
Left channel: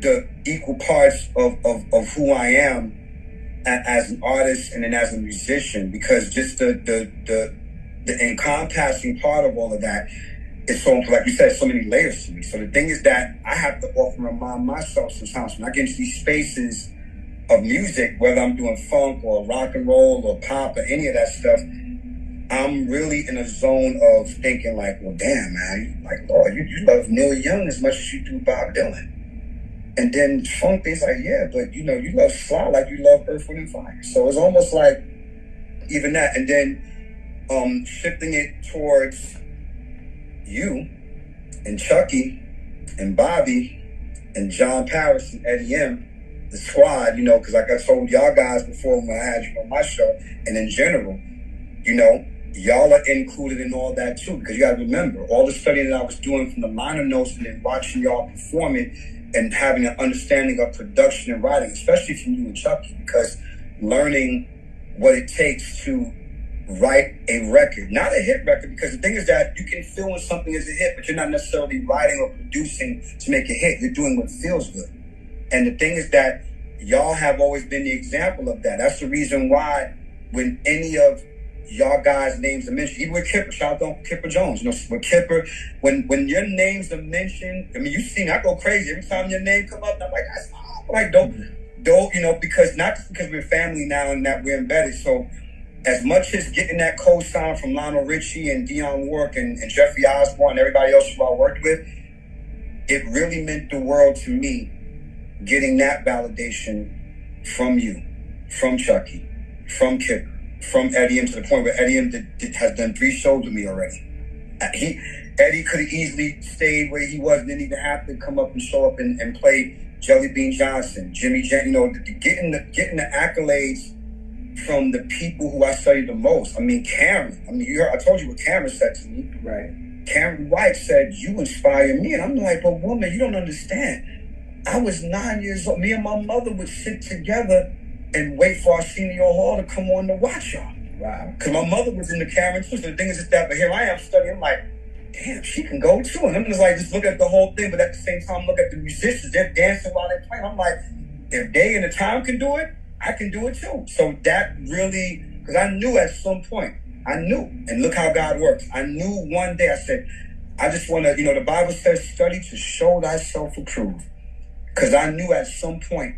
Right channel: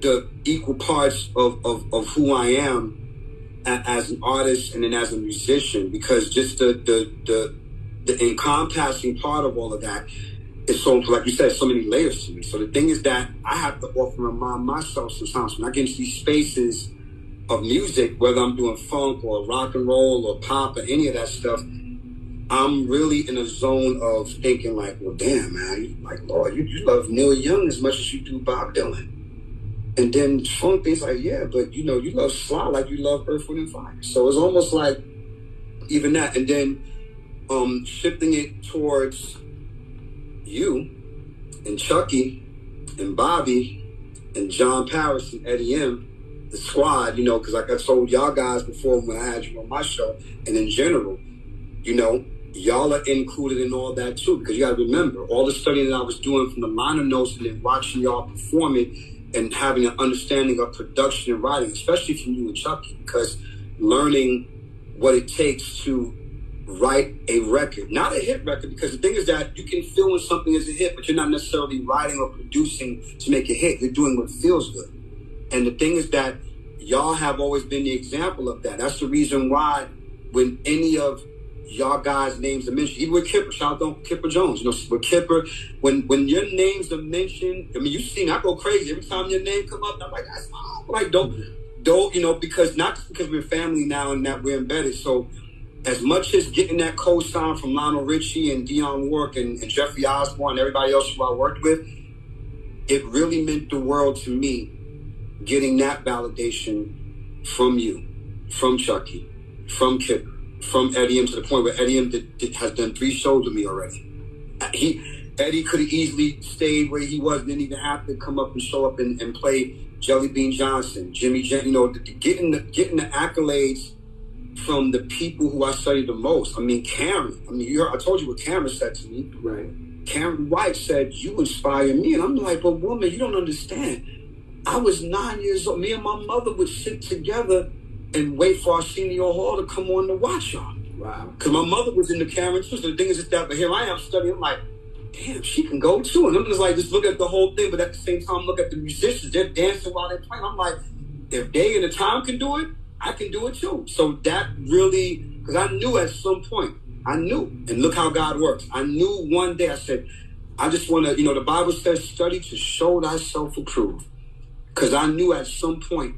the equal parts of who I am as an artist and then as a musician, because just the encompassing part of all of that. It's so, like you said, so many layers to me. So the thing is that I have to often remind myself sometimes when I get into these spaces of music, whether I'm doing funk or rock and roll or pop or any of that stuff, I'm really in a zone of thinking like, well, damn, man, Lord, you love Neil Young as much as you do Bob Dylan. And then funk is like, yeah, but you love Sly like you love Earth, Wind, and Fire. So it's almost like even that. And then shifting it towards you and Chucky and Bobby and John Paris and Eddie M, the squad, because like I told y'all guys before when I had you on my show, and in general, y'all are included in all that too, because you got to remember all the studying that I was doing from the liner notes and then watching y'all perform it and having an understanding of production and writing, especially from you and Chucky, because learning what it takes to write a record, not a hit record, because the thing is that you can feel when something is a hit, but you're not necessarily writing or producing to make a hit. You're doing what feels good. And the thing is that y'all have always been the example of that. That's the reason why when any of y'all guys' names are mentioned, even with Kipper, shout out to Kipper Jones, with Kipper, when your names are mentioned, I mean, you've seen, I go crazy every time your name come up. I'm like, that's like, don't, because not just because we're family now and that we're embedded. So as much as getting that co-sign from Lionel Richie and Dionne Warwick and Jeffrey Osborne and everybody else who I worked with, it really meant the world to me getting that validation from you, from Chucky, from Kipper, from Eddie M, to the point where Eddie M has done 3 shows with me already. Eddie could have easily stayed where he was and didn't even have to come up and show up and play Jelly Bean Johnson, Jimmy Jen, getting the accolades from the people who I studied the most. I mean, Karen. I mean, I told you what Karen said to me. Right. Karen White said, "You inspire me." And I'm like, "But woman, you don't understand. I was 9 years old. Me and my mother would sit together and wait for Arsenio Hall to come on to watch y'all. Wow. Because my mother was in the camera too. So the thing is just that, but here I am studying. I'm like, damn, she can go too. And I'm just like, just look at the whole thing. But at the same time, look at the musicians. They're dancing while they're playing. I'm like, if they in the time can do it, I can do it too. So that really, because I knew at some point, and look how God works. I knew one day, I said, I just want to, the Bible says, study to show thyself approved. Because I knew at some point,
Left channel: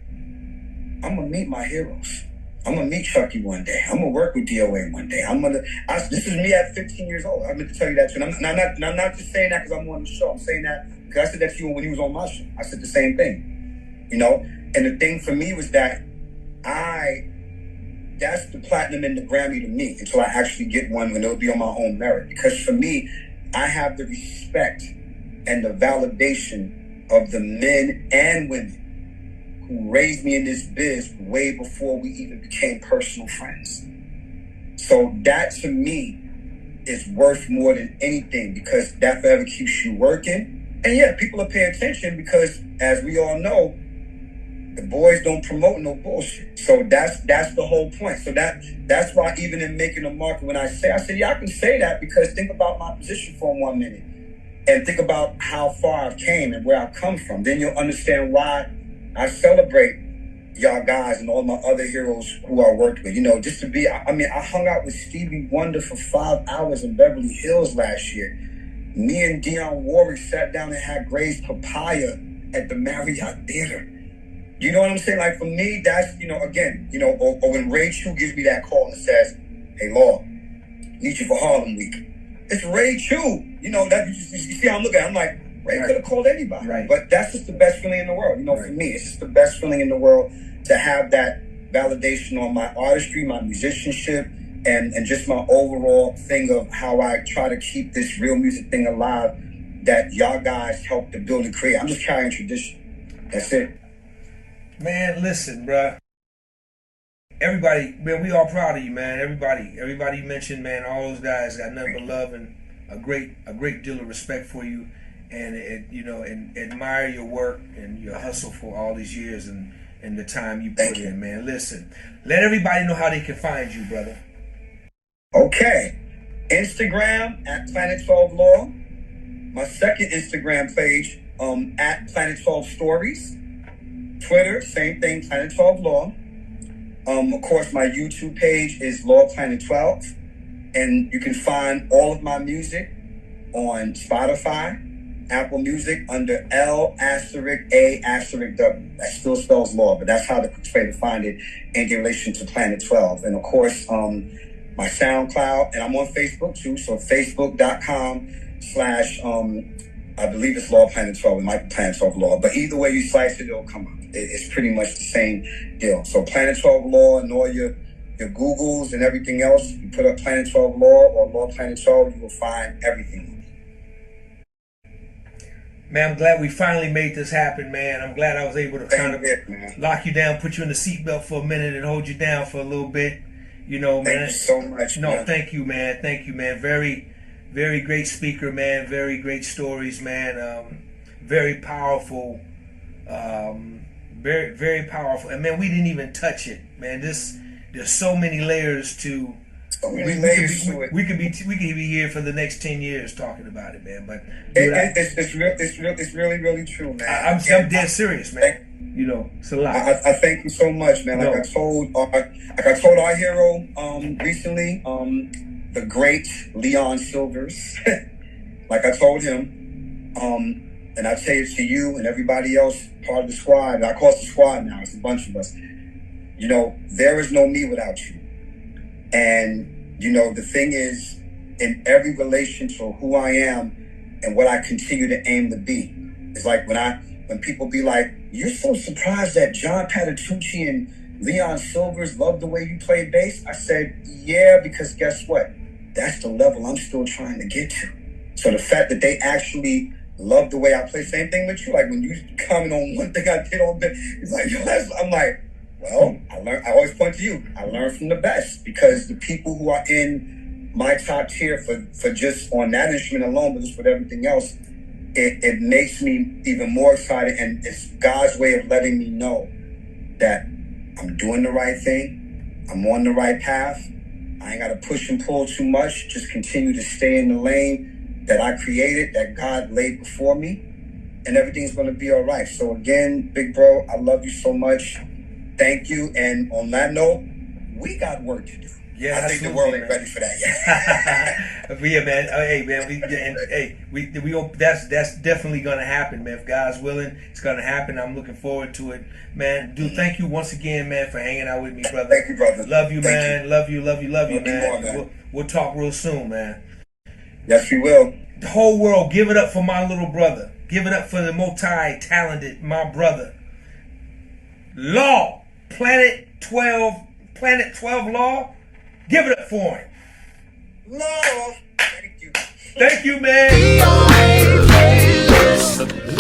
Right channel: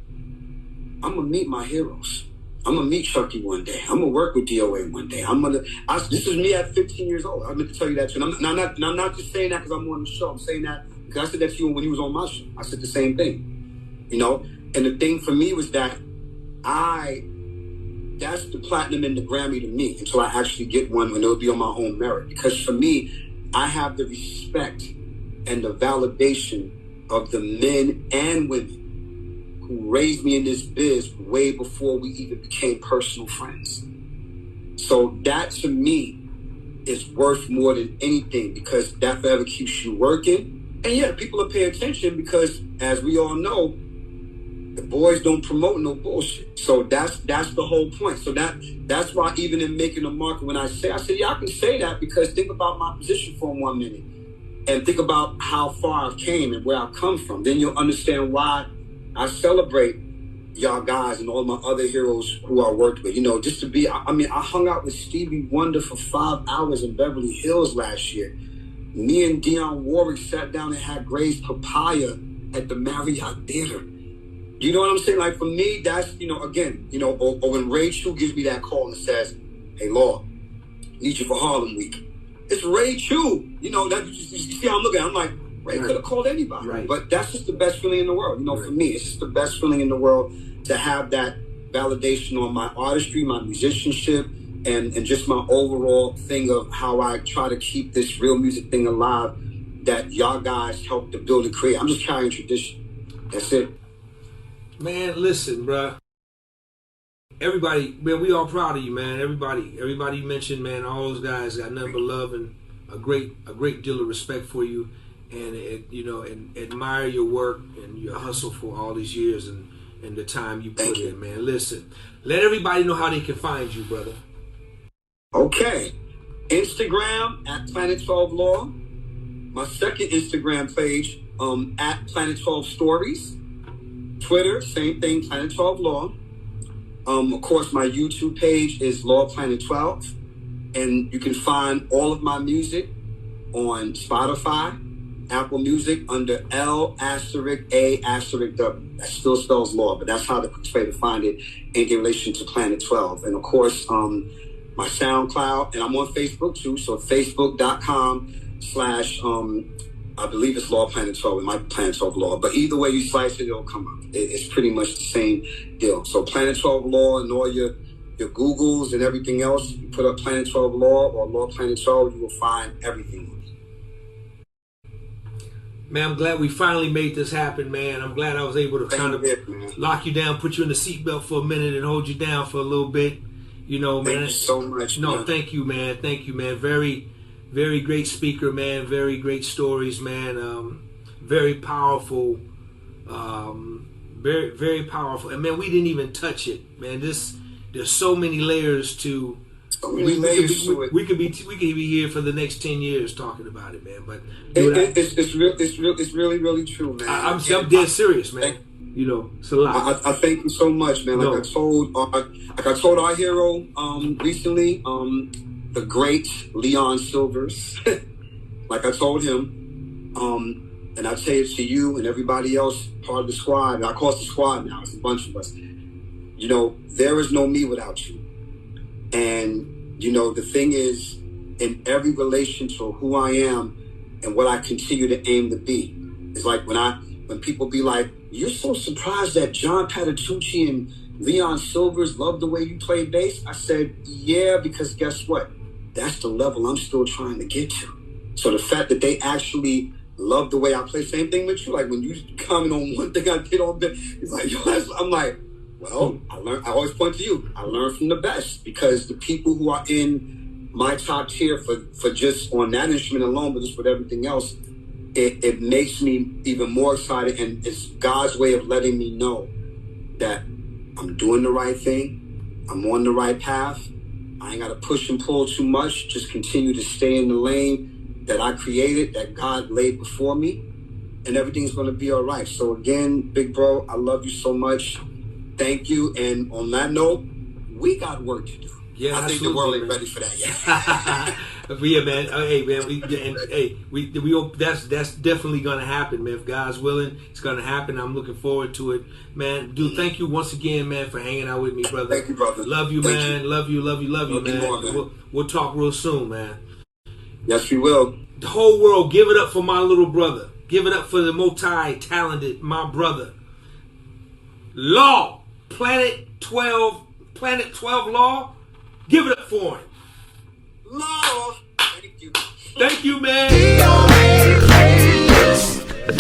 I'm going to meet my heroes. I'm going to meet Chucky one day. I'm going to work with DOA one day. This is me at 15 years old. I meant to tell you that too. And I'm not just saying that because I'm on the show. I'm saying that because I said that to you when you was on my show. I said the same thing, And the thing for me was that that's the platinum and the Grammy to me until I actually get one when it'll be on my own merit. Because for me, I have the respect and the validation of the men and women who raised me in this biz way before we even became personal friends. So that to me is worth more than anything because that forever keeps you working. And yeah, people are paying attention because as we all know, the boys don't promote no bullshit. So that's the whole point. So that's why even in making a market, when I said, yeah, I can say that because think about my position for 1 minute and think about how far I've came and where I've come from. Then you'll understand why I celebrate y'all guys and all my other heroes who I worked with. Just to be, I hung out with Stevie Wonder for 5 hours in Beverly Hills last year. Me and Dionne Warwick sat down and had Gray's Papaya at the Marriott Theater. You know what I'm saying? Like for me, that's, or when Ray Chu gives me that call and says, hey, Law, need you for Harlem Week. It's Ray Chu. That you see how I'm looking at it. I'm like, Ray could have called anybody. Right. But that's just the best feeling in the world. For me, it's just the best feeling in the world to have that validation on my artistry, my musicianship, and just my overall thing of how I try to keep this real music thing alive that y'all guys helped to build and create. I'm just carrying tradition. That's it. Man, listen, bruh. Everybody, man, we all proud of you, man. Everybody you mentioned, man, all those guys got nothing but love and a great deal of respect for you, and and admire your work and your hustle for all these years and the time you put in, man. Listen, let everybody know how they can find you, brother. Okay, Instagram at Planet 12 Law. My second Instagram page at Planet 12 Stories. Twitter, same thing, Planet 12 Law. Of course, my YouTube page is Law Planet 12. And you can find all of my music on Spotify, Apple Music under L*A*W. That still spells Law, but that's how the quick way to find it in relation to Planet 12. And of course, my SoundCloud, and I'm on Facebook too. So facebook.com/ I believe it's Law Planet 12. It might be Planet 12 Law. But either way you slice it, it'll come up. It's pretty much the same deal. So Planet 12 Law and all your Googles and everything else, you put up Planet 12 Law or Law Planet 12, you will find everything. Man, I'm glad we finally made this happen, man. I'm glad I was able to kind of lock you down, put you in the seatbelt for a minute and hold you down for a little bit. Man. Thank you so much, No, man. Thank you, man. Thank you, man. Very, very great speaker, man. Very great stories, man. Very powerful. Very, very powerful. And man, we didn't even touch it, man. There's so many layers to. So many layers to it. We could be here for the next 10 years talking about it, man. But it's really, really true, man. I'm dead serious, man. It's a lot. I thank you so much, man. Like I told our hero recently, the great Leon Silvers. Like I told him, and I tell it to you and everybody else, part of the squad. And I call it the squad now. It's a bunch of us. There is no me without you. And, the thing is, in every relation to who I am and what I continue to aim to be, it's like when people be like, you're so surprised that John Patitucci and Leon Silvers love the way you play bass. I said, yeah, because guess what? That's the level I'm still trying to get to. So the fact that they actually love the way I play, same thing with you. Like when you comment on one thing I did on that, it's like, I'm like, well, I always point to you. I learned from the best because the people who are in my top tier for just on that instrument alone, but just with everything else, it makes me even more excited. And it's God's way of letting me know that I'm doing the right thing. I'm on the right path. I ain't got to push and pull too much. Just continue to stay in the lane that I created, that God laid before me, and everything's going to be all right. So again, big bro, I love you so much. Thank you. And on that note, we got work to do. Yeah, I think the world ain't ready for that yet. Yeah, man. Hey, man. That's definitely gonna happen, man. If God's willing, it's gonna happen. I'm looking forward to it, man. Dude, thank you once again, man, for hanging out with me, brother. Thank you, brother. Love you, Thank man. you. Love you, man. More, man. We'll talk real soon, man. Yes, we will. The whole world, give it up for my little brother. Give it up for the multi-talented, my brother. Law, Planet 12 Law. Give it up for him. Law. Thank you. Thank you, man. DOA playlist.